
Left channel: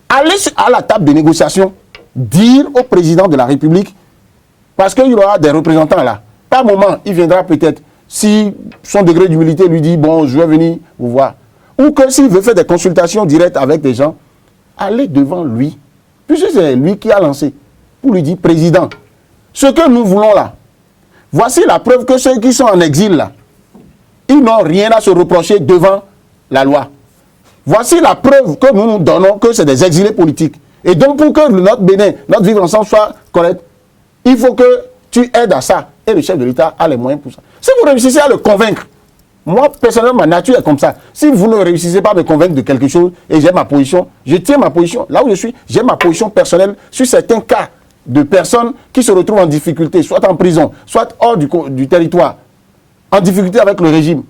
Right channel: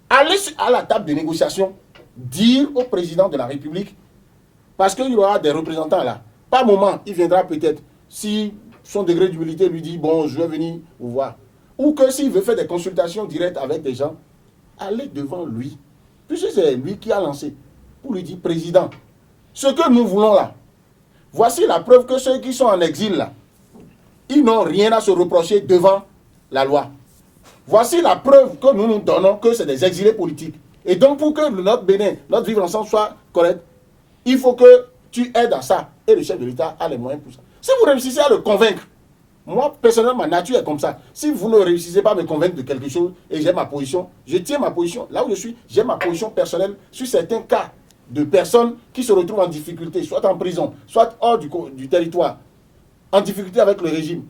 Aller à la table de négociation, dire au président de la République, parce qu'il y aura des représentants là. Par moment, il viendra peut-être, si son degré d'humilité lui dit, bon, je vais venir vous voir. Ou que s'il veut faire des consultations directes avec des gens, allez devant lui, puisque c'est lui qui a lancé, pour lui dire, président, ce que nous voulons là, voici la preuve que ceux qui sont en exil là, ils n'ont rien à se reprocher devant la loi. Voici la preuve que nous nous donnons que c'est des exilés politiques. Et donc pour que notre Bénin, notre vivre ensemble soit correct, il faut que tu aides à ça. Et le chef de l'État a les moyens pour ça. Si vous réussissez à le convaincre, moi personnellement ma nature est comme ça. Si vous ne réussissez pas à me convaincre de quelque chose et j'ai ma position, je tiens ma position. Là où je suis, j'ai ma position personnelle sur certains cas de personnes qui se retrouvent en difficulté, soit en prison, soit hors du territoire, en difficulté avec le régime.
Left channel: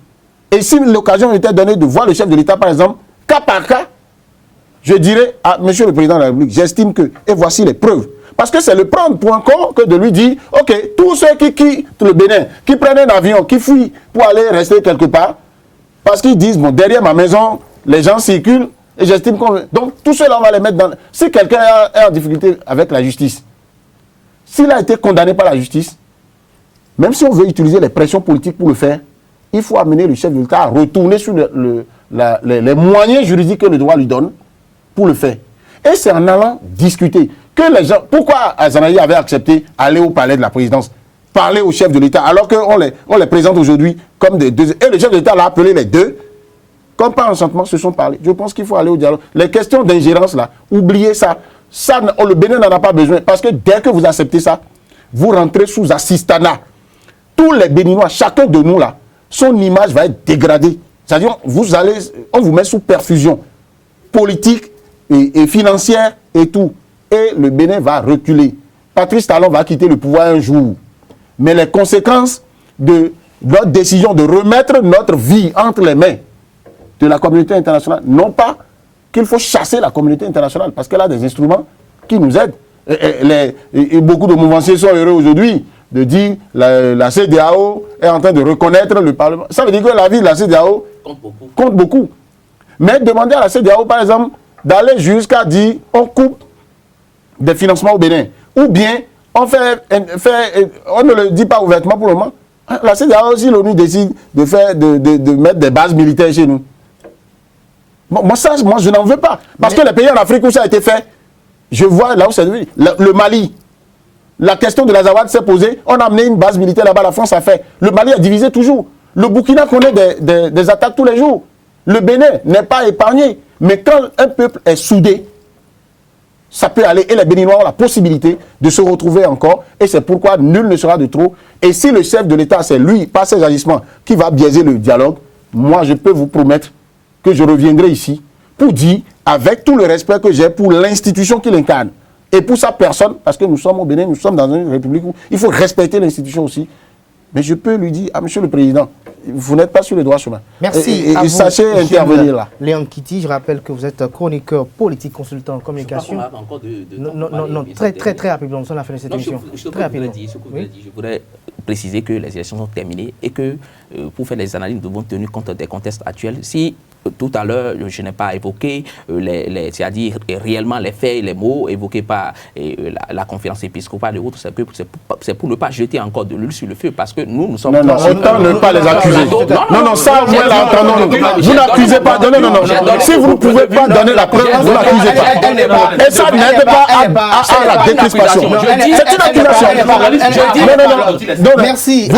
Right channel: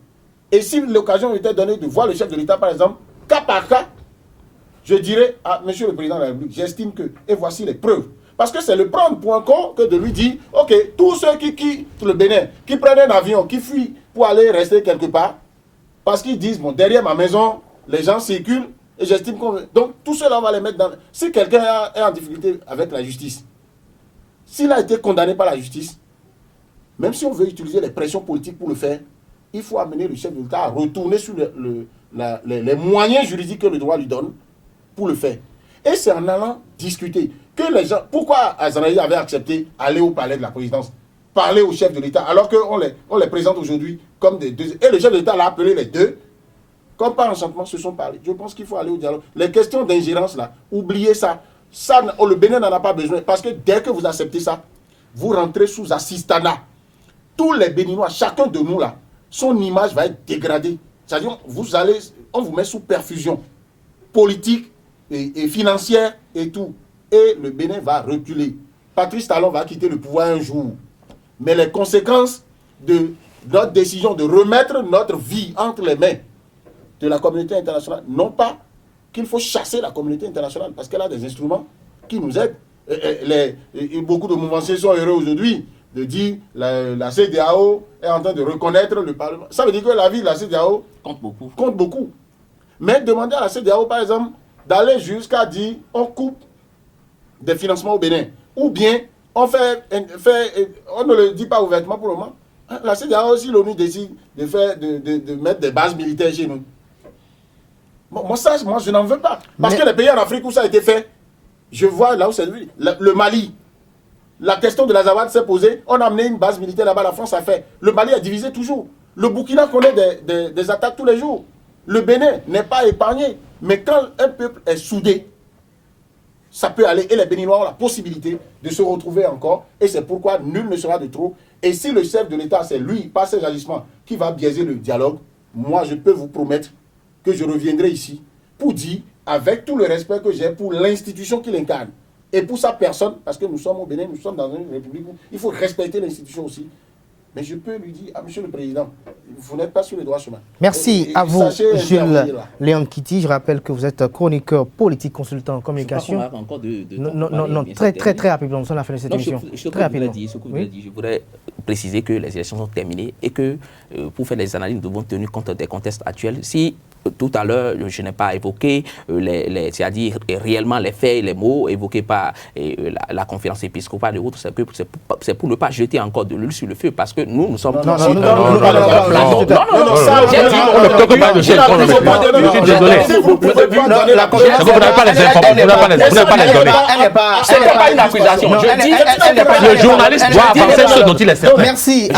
Et si l'occasion était donnée de voir le chef de l'État, par exemple, cas par cas, je dirais à Monsieur le Président de la République, j'estime que, et voici les preuves. Parce que c'est le prendre pour un con que de lui dire, ok, tous ceux qui quittent le Bénin, qui prennent un avion, qui fuient pour aller rester quelque part, parce qu'ils disent, bon, derrière ma maison, les gens circulent, et j'estime qu'on... Donc, tout cela, on va les mettre dans... Si quelqu'un est en difficulté avec la justice, s'il a été condamné par la justice, même si on veut utiliser les pressions politiques pour le faire, il faut amener le chef de l'État à retourner sur les moyens juridiques que le droit lui donne pour le faire. Et c'est en allant discuter que les gens... Pourquoi Azanaï avait accepté aller au palais de la présidence, parler au chef de l'État, alors qu'on les présente aujourd'hui comme des deux... Et le chef de l'État l'a appelé les deux Comme par enchantement, se sont parlé. Je pense qu'il faut aller au dialogue. Les questions d'ingérence, là, oubliez ça. Ça, le Bénin n'en a pas besoin. Parce que dès que vous acceptez ça, vous rentrez sous assistanat. Tous les Béninois, chacun de nous, là, son image va être dégradée. C'est-à-dire, on vous met sous perfusion politique et financière et tout. Et le Bénin va reculer. Patrice Talon va quitter le pouvoir un jour. Mais les conséquences de notre décision de remettre notre vie entre les mains de la communauté internationale, non pas qu'il faut chasser la communauté internationale, parce qu'elle a des instruments qui nous aident. Et beaucoup de mouvanciers sont heureux aujourd'hui de dire que la CEDEAO est en train de reconnaître le Parlement. Ça veut dire que la vie de la CEDEAO compte beaucoup. Mais demander à la CEDEAO, par exemple, d'aller jusqu'à dire on coupe des financements au Bénin, ou bien on ne le dit pas ouvertement pour le moment. La CEDEAO, si l'ONU décide de mettre des bases militaires chez nous, moi, je n'en veux pas. Parce que les pays en Afrique où ça a été fait, je vois là où c'est devenu. Le Mali, la question de l'Azawad s'est posée, on a amené une base militaire là-bas, la France a fait. Le Mali a divisé toujours. Le Burkina connaît des attaques tous les jours. Le Bénin n'est pas épargné. Mais quand un peuple est soudé, ça peut aller. Et les Béninois ont la possibilité de se retrouver encore. Et c'est pourquoi nul ne sera de trop. Et si le chef de l'État, c'est lui, par ses agissements, qui va biaiser le dialogue, moi, je peux vous promettre que je reviendrai ici pour dire, avec tout le respect que j'ai pour l'institution qu'il incarne, et pour sa personne, parce que nous sommes au Bénin, nous sommes dans une république où il faut respecter l'institution aussi. Mais je peux lui dire, Monsieur le Président, vous n'êtes pas sur le droit chemin. Merci à vous, sachez intervenir là. Léon Kitty. Je rappelle que vous êtes chroniqueur politique, consultant en communication. Non, très rapidement, nous sommes à la fin de cette émission. Ce que je voudrais préciser que les élections sont terminées et que pour faire les analyses, nous devons tenir compte des contextes actuels. Si tout à l'heure, je n'ai pas évoqué c'est-à-dire réellement les faits, les mots évoqués par la conférence épiscopale et autres, c'est pour ne pas jeter encore de l'huile sur le feu, parce que nous sommes... Non, ça, vous n'accusez pas de l'huile. Si vous ne pouvez pas donner la conférence, elle n'est pas une accusation. Je dis, c'est une accusation. Merci.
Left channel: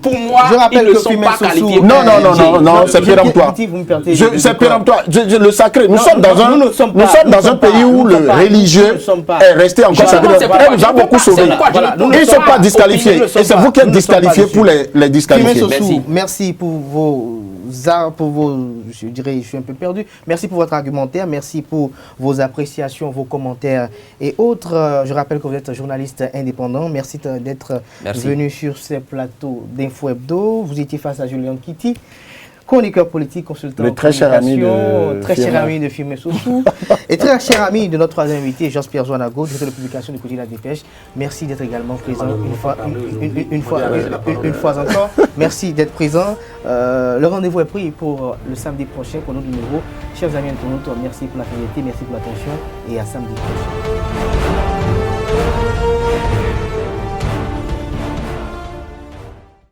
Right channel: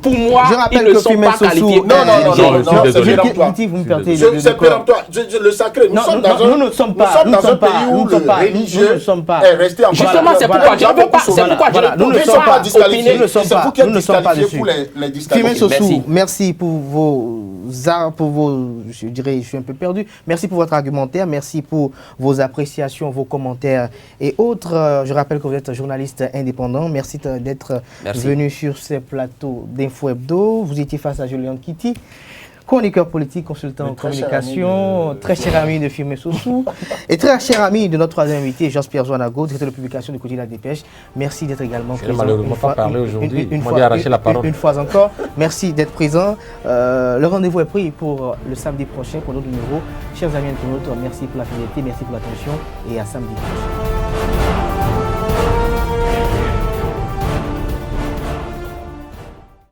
Pour moi, je rappelle que Firmin Sossou... Non, c'est péremptoire. C'est péremptoire. Le sacré. Nous sommes dans un pays où le religieux est resté en justement, c'est pourquoi j'ai beaucoup sauvé. Ils ne sont pas disqualifiés. Et c'est vous qui êtes disqualifiés pour les disqualifier. Merci pour vos, je dirais, je suis un peu perdu. Merci pour votre argumentaire, merci pour vos appréciations, vos commentaires et autres. Je rappelle que vous êtes journaliste indépendant. Merci d'être venu sur ces plateaux d'Info Hebdo. Vous étiez face à Julien Kitty, chroniqueur politique, consultant en communication, très cher ami de Firmin Sossou et très cher ami de notre troisième invité, Jean-Pierre Zouanago, directeur de publication du quotidien La Dépêche. Merci d'être également présent une fois encore. Merci d'être présent. Le rendez-vous est pris pour le samedi prochain pour notre numéro. Chers amis internautes, merci pour la fidélité, merci pour l'attention et à samedi prochain.